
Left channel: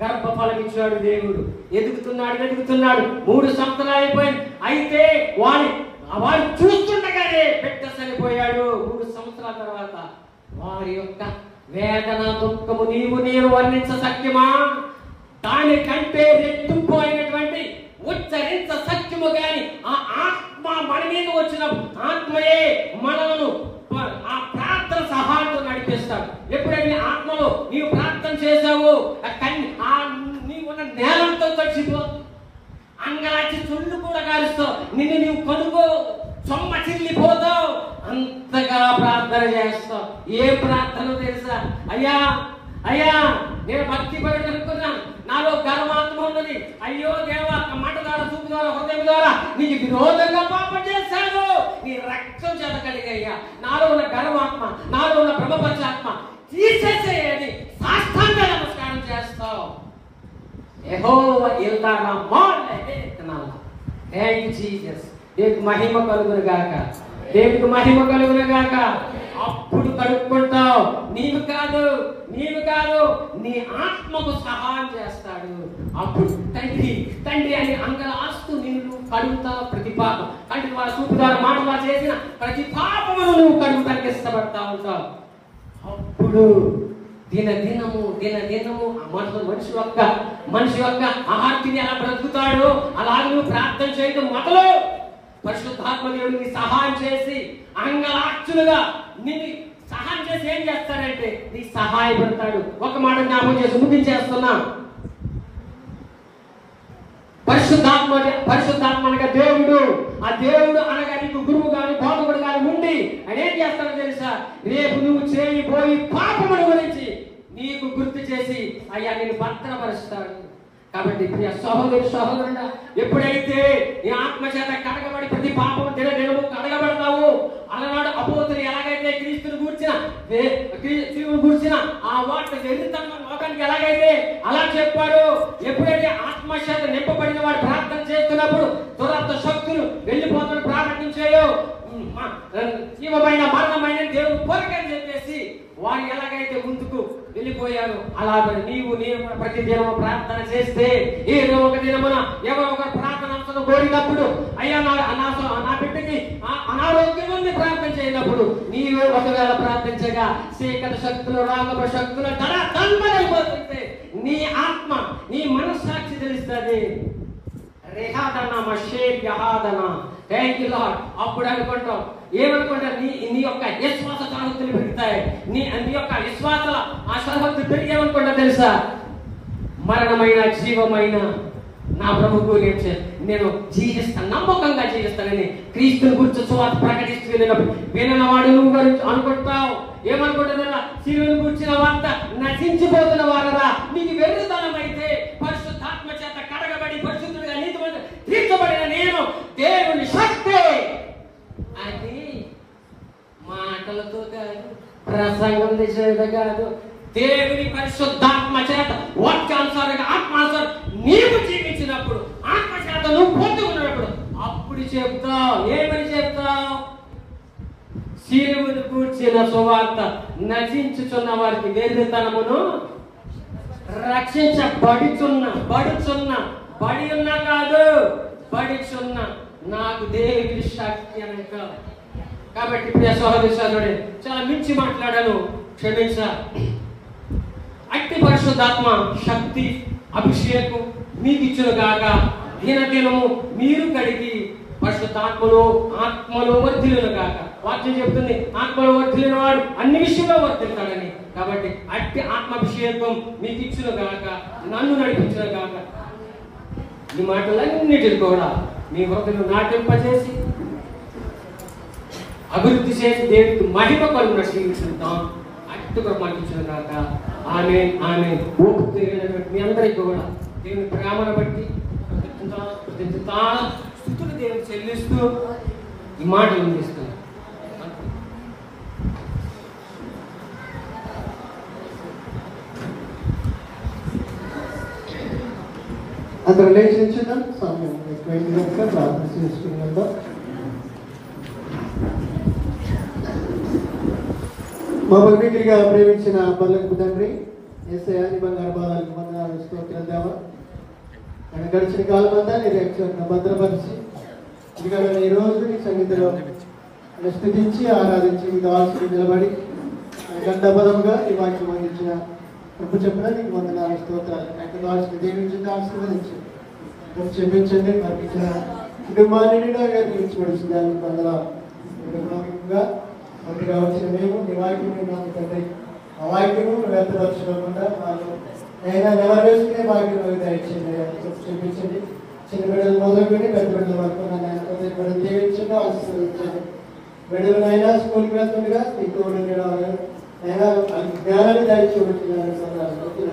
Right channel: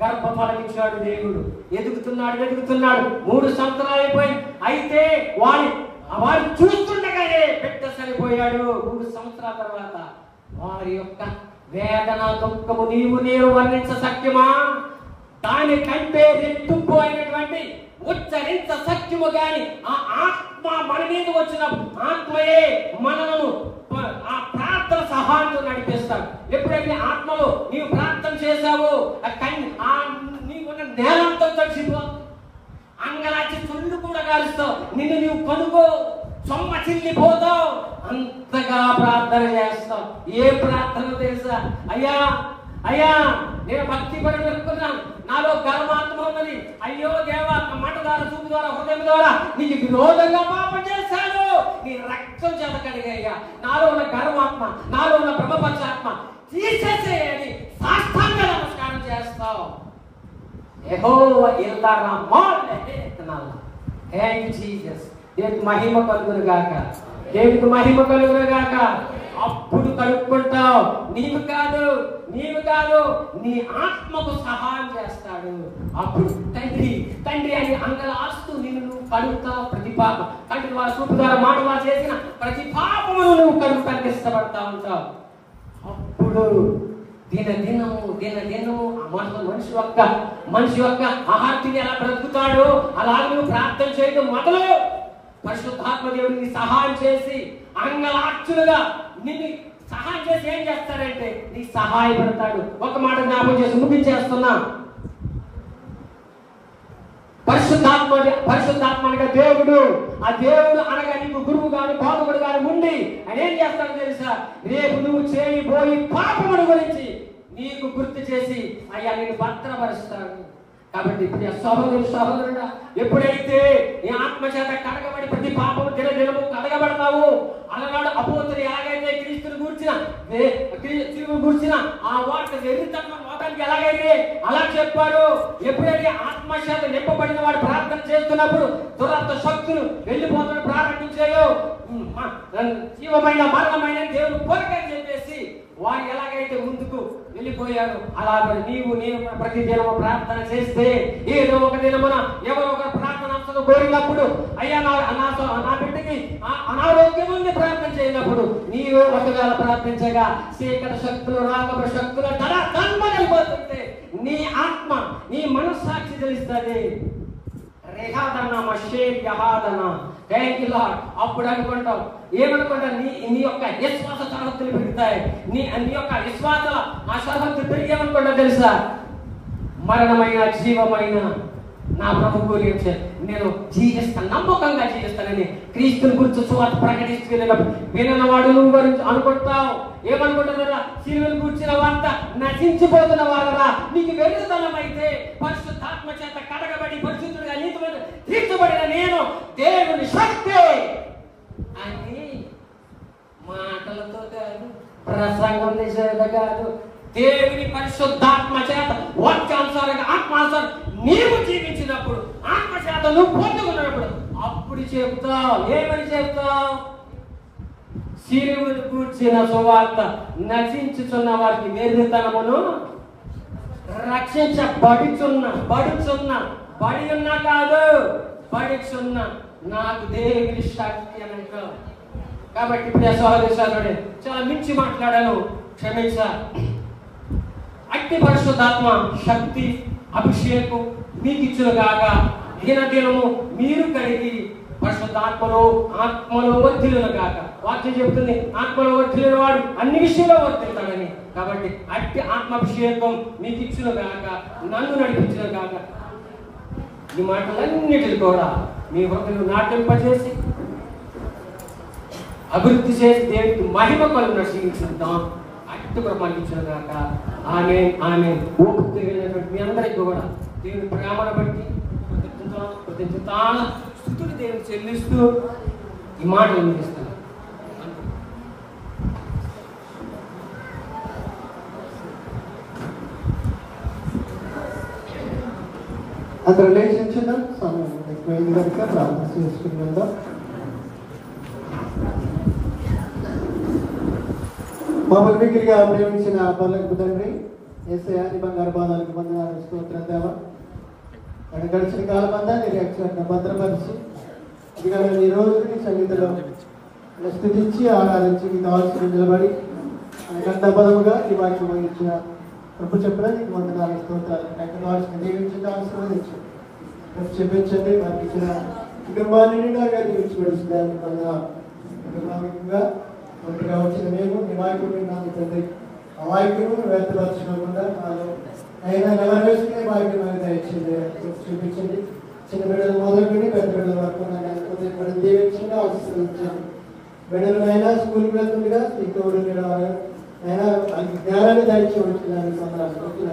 గర్భఫలమిచ్చాడు దేవుడు. ఎదుగుతున్నాడు 3 సంవత్సరాలు అయిపోయింది. అయితే వాడు చూస్తుండగానే బిడ్డ సరిపోయాడు. 3 సంవత్సరాల తర్వాత వారి యొక్క వేదన దుఃఖము నీవు నేను వర్ణించ సత్యమా? దానికంటే రెట్టింపోయినటువంటి ఉచ్చరించ సత్యము గాని ఆ ఆత్మ మన మీద వచ్చిన ఆత్మయే మనలను ఆ ఎప్పుడైతే నీ ఆత్మలో నీవు ప్రార్థన చేశావు నీవు ఉన్న నేలంతా తడిసిపోతుంది. అంగలాచి చుళ్ళు కూడా కాలుస్తావు, నిన్ను నీవు కొనుగో సొమ్మ చిల్లిపోతావు, అంతగా ప్రార్థన చేస్తావు. ఏ ప్రార్థన తెలుసా? అయ్యా అయ్యా నేను భక్తి పడి అనుకున్నాను, నాలో గర్వాత్మ ఉన్నది, అయ్యో దేవా మాట ద్వారా చూపు ద్వారా హృదయం ద్వారా నీకు విరోధంగా పాపం చేశాను, నీ రక్తం చేత కడిగయ్యా, నాలో ఉన్న గర్వాత్మ నాలో ఉన్న బ్రహ్మపరచాత్మ తీసేసేయని సాష్టాంగ నమస్కారం చేస్తావు. యెహోవా ఇల్లారా మాట్లాడుతున్నాను. Thank you Jesus. దేవునికి మహిమ కలుగును గాక, దేవునికి మహిమ కలుగును గాక. అప్పుడు కడుక్కుంటావు. నీవు కాదు నీ ఆత్మకు సహాయం చేస్తాడు. అప్పుడు తండ్రి అని అంగలాస్తూ నిన్ను కడుగుతావు. ప్రతి పాపం కంటి వారి చూపు ద్వారా మాటలా చేసిన ప్రతి పాపమును నువ్వు కడుగుతానికి ఇష్టపడతా ఉంటావు. అప్పుడు దినదినము మనిషి యొక్క ఆహార్తిని ఎలా బ్రతుకుతాడు అలాగే నువ్వు ప్రార్థన చేయడం మొదలు పరిశుద్ధాత్మ దేవుడిని సహాయం చేసి అంగలాక్షులుగా నిన్ను సహాయం చేసి ఏం చేస్తాడంటే నీ సహాయపడతాడు. ఒక మాట జ్ఞాపకం చేసి ముగించేస్తున్నా. పరిశుద్ధాత్మ అనగా దేవుడు. ఆ దేవుడు అనగా నీకు గురువు గాని బోధకుడు గాని ఉండి ఆయన ఏం చేస్తాడో తెలుసా? రేపు నువ్వు చేయబోయి పాపముల గురించి నీకు గుర్తు చేసి అయ్యా నేను భద్రపరుస్తాడు. కాబట్టి ప్రియ సహోదరుడా, ఎప్పుడైతే నీ ఆత్మ చేత కడగబడి ప్రతి పాపము దినదినము కడగబడతావు, అలనాడు అపోస్తలులు ఎలాగైతే క్రీస్తుని గూర్చిన ఆ వాటి వెర్రితనం లోకానికి ఎలాగైతే అలా చెప్పాడు. ఎప్పుడైతే ఆత్మ చేత నింపబడిన వాడు ప్రార్థన చేస్తున్నప్పుడు దురాత్మ శక్తులు వెళ్ళిపోతున్న ప్రార్థించాయో జీవమైన మరణమైన దేవుడు కోరికని చెప్పేసి వారు ఎలాగైతే ముందుకు వెళ్ళిపోయారు అలాగే నీవు ప్రతి దినము ప్రార్థన చేస్తే ఏదో ఒక దినమున ఎవరో ఒక ప్రార్థన కోరినప్పుడు అయ్యా నా బిడ్డకి అనారోగ్యం ఉంది ప్రార్థన చేయనప్పుడు నీవే ఒకవేళ ప్రార్థించగా చీకటి శక్తులు రాకపు శక్తులు అయిపోతుంటే నీ ఆత్మ నీ మనస్సాక్షి తెలుస్తుంది. అప్పుడు అనుకుంటాం ఏమనుకుంటా నీ యొక్క విశ్వాస సామర్థ్యాలు పెరుగుతాయి. నీ యొక్క విశ్వాస ఆ సామర్థ్యం పెరిగి ఏమనుకుంటా తెలుసా? మరణమైన జీవమైన నా ప్రభు గురించి నేను జీవిస్తాను, నమ్మకంగా జీవిస్తానని క్రీస్తుని గురించి సువార్త ప్రకటిస్తూ వెళ్ళినప్పుడు వినిన వాడు గురించి అనుకుంటావు. ఏమనుకుంటా? శిలువను కూర్చిన వార్త నశించిపోతున్న వారరా నీకు వెలుగుదనం అయితే పరిశుద్ధాత్మ చేత కడగబడి పరిశుద్ధుడిగా నీతిమంతుడిగా తీర్చబడిన నేను దేవుని శక్తి అని మాటలతో కాదు, ప్రసంగం చేసేది కాదు, దేవుని పరిశుద్ధాత్మ చేత వాక్యానుసారంగా ఆత్మానుసారం నీవు జీవించినప్పుడు ఆత్మ చేత నువ్వు పొందుకున్నప్పుడు అప్పుడు చెప్తావు. ఏమని చెప్తావు? శిలువను కూర్చిన సువార్త నశించుచున్న వారికి వెర్రితనమును బడి ఉన్నా కాదు బడిచున్న నాకు దేవుని శక్తి అని అంటావు. కాబట్టి ప్రియ సహోదరుడే చాలా మించి మాట్లాడాను, క్షమించా. అట్టి పరిశుద్ధాత్మ శక్తి అభిషేకం మీకు ఇచ్చిన గాక దినదినము మీరు కడిగి పరిశుద్ధాత్మలో ఆత్మలో వర్ధిల్లును గాక. వాక్యం చెబుతుంది ఆత్మలో వర్ధిల్లిన వాడు అన్ని విషయంలో వర్ధిల్లుతాడని. కాబట్టి అట్టి ఆత్మాభిషేకం మీకు ఇచ్చిన గాక, నన్ను నడిపించిన గాక. ఈ మాటలన్నిటిని కూడా మీ హృదయం నాటింపజేసి అభివృద్ధి చేసి దేవుడికి మహిమ కలుగున శ్రీకరిస్తాం. అట్టుగా పండించిన గాక. ఆమె ఓపిక మీ అందరికీ కూడా దేవుని ప్రేమను బట్టి స్థుతులు దేవుని చెల్లిస్తూ ఈ మాటలు అందిస్తున్నాం. అందరూ లేచించున్నాం, సమయం ఎక్కువైంది కనుక ప్రార్థన చేసుకున్నాం. మా భక్తిగా ప్రేమించిన పల్లెకు తండ్రి యేసయ్య బంగారు బాధలకు వందనాలు స్తోత్రం దేవా. ఆయన గడిచిన కాలం అంతా నీ రక్షణ భద్రపరిచి ఇదిగా ఈ రోజు నీ సన్నిధిలో స్థుతించి ఆరాధించి నీకు ఆశ్రయం నిలబడి గంట పదముగా నీ వాక్యం అందించిన ప్రభు చెప్పిన నీకు వందనాలు స్తోత్రాలు. ఆశ్రయం దీవించండి, ఆశీర్వదించండి, క్షమించండి. వారికి ఇచ్చిన కుటుంబాన్ని దీవించబడుతుంది. వందనాలు. కుటుంబంగా వచ్చిన మేము నీ వాక్యం తండ్రి వాక్యము వ్యర్థపరచుకోకుండా వాళ్ళు అయినా ఎవరు వేసుకునే వాక్యం దయచేది చూపించండి. చిన్న బిడ్డలు మొదలుకొని పెద్ద బిడ్డల వరకు బిడ్డలు దీవించండి, ఆశీర్వదించండి. బిడ్డలైనా స్కూల్కి వెళ్తుండగా ఎక్కువ అయినా జ్ఞానాన్ని దయచేయడానికి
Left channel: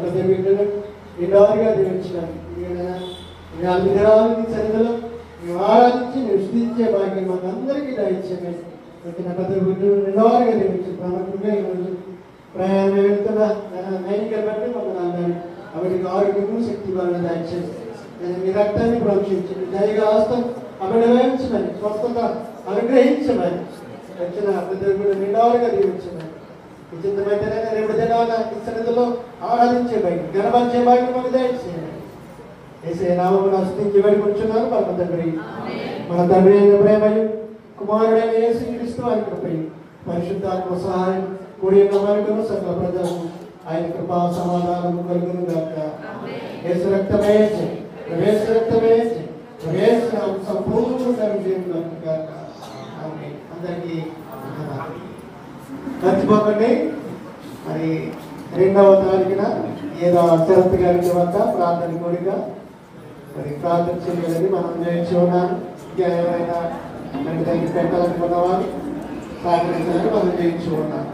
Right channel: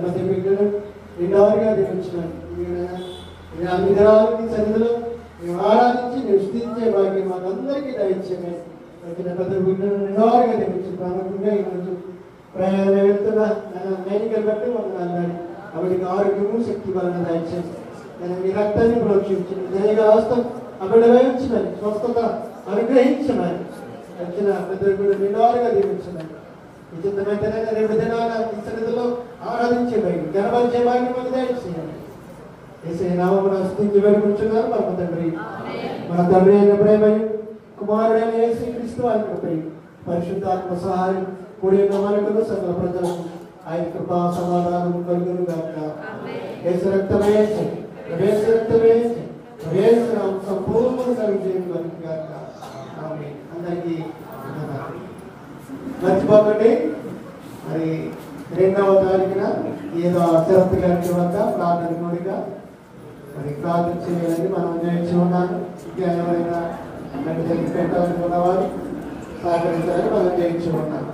ప్రతి బిడ్డలు నిండారుగా దీవించడం అన్ని దినాలకి సన్నిధిలో మేము ఆరాధించి మేము స్థితించే భాగ్యం మాకందరికీ దయచేయండి. వచ్చిన పెద్ద బిడ్డలు నిండారుగా దీవించండి. ప్రముఖంగా ఈరోజు ప్రయాణం వెళ్తున్న నైనికలు బట్టి మమ్మల్ని అవిటికి ఆరోగ్యము శక్తి బలం దయచేసి మీ రక్తాన్ని ప్రోక్షించండి. దయగా హస్తం అక్కడ వేయించమని స్వస్థత అనుగ్రహించమని వచ్చిన పెద్దలు నిండారుగా దీవించమని ఈ చిత్తమైతేనే రేపు దినాల ఈ సన్నిధిలో ఆరాధించే బయట గణపరిచే భాగ్యం మాకు దయచేయండి. ఏసే నామమున స్తుతించి వేడుకుంటున్నాను పరమ తండ్రి. మన తండ్రి అయిన ప్రేమయు కుమారుడైన యేసుక్రీస్తు వారి కృపయు పరిశుద్ధాత్మ సహాయం కూడి మనకు సకల ప్రజలకు ఆయన కృపా సమాధానం కలుగును గాక. యేసు రక్తమే యేసు రక్తమే యేసు సంపూర్ణ కలుగును గాక. ఆమేన్. అందరికీ మర్చిపోకండి, మరి 2వ తారీఖున ఏదో శరత్ గారి వద్ద ప్రార్థన కూడిగా మరి ప్రార్థన చేయాలని మనం నేర్చి ఉన్నాను. ఇంకా ఎవరైనా పెట్టాలనుకున్న వారు సహకరించాలని మనం చేయించు ఉన్నాం.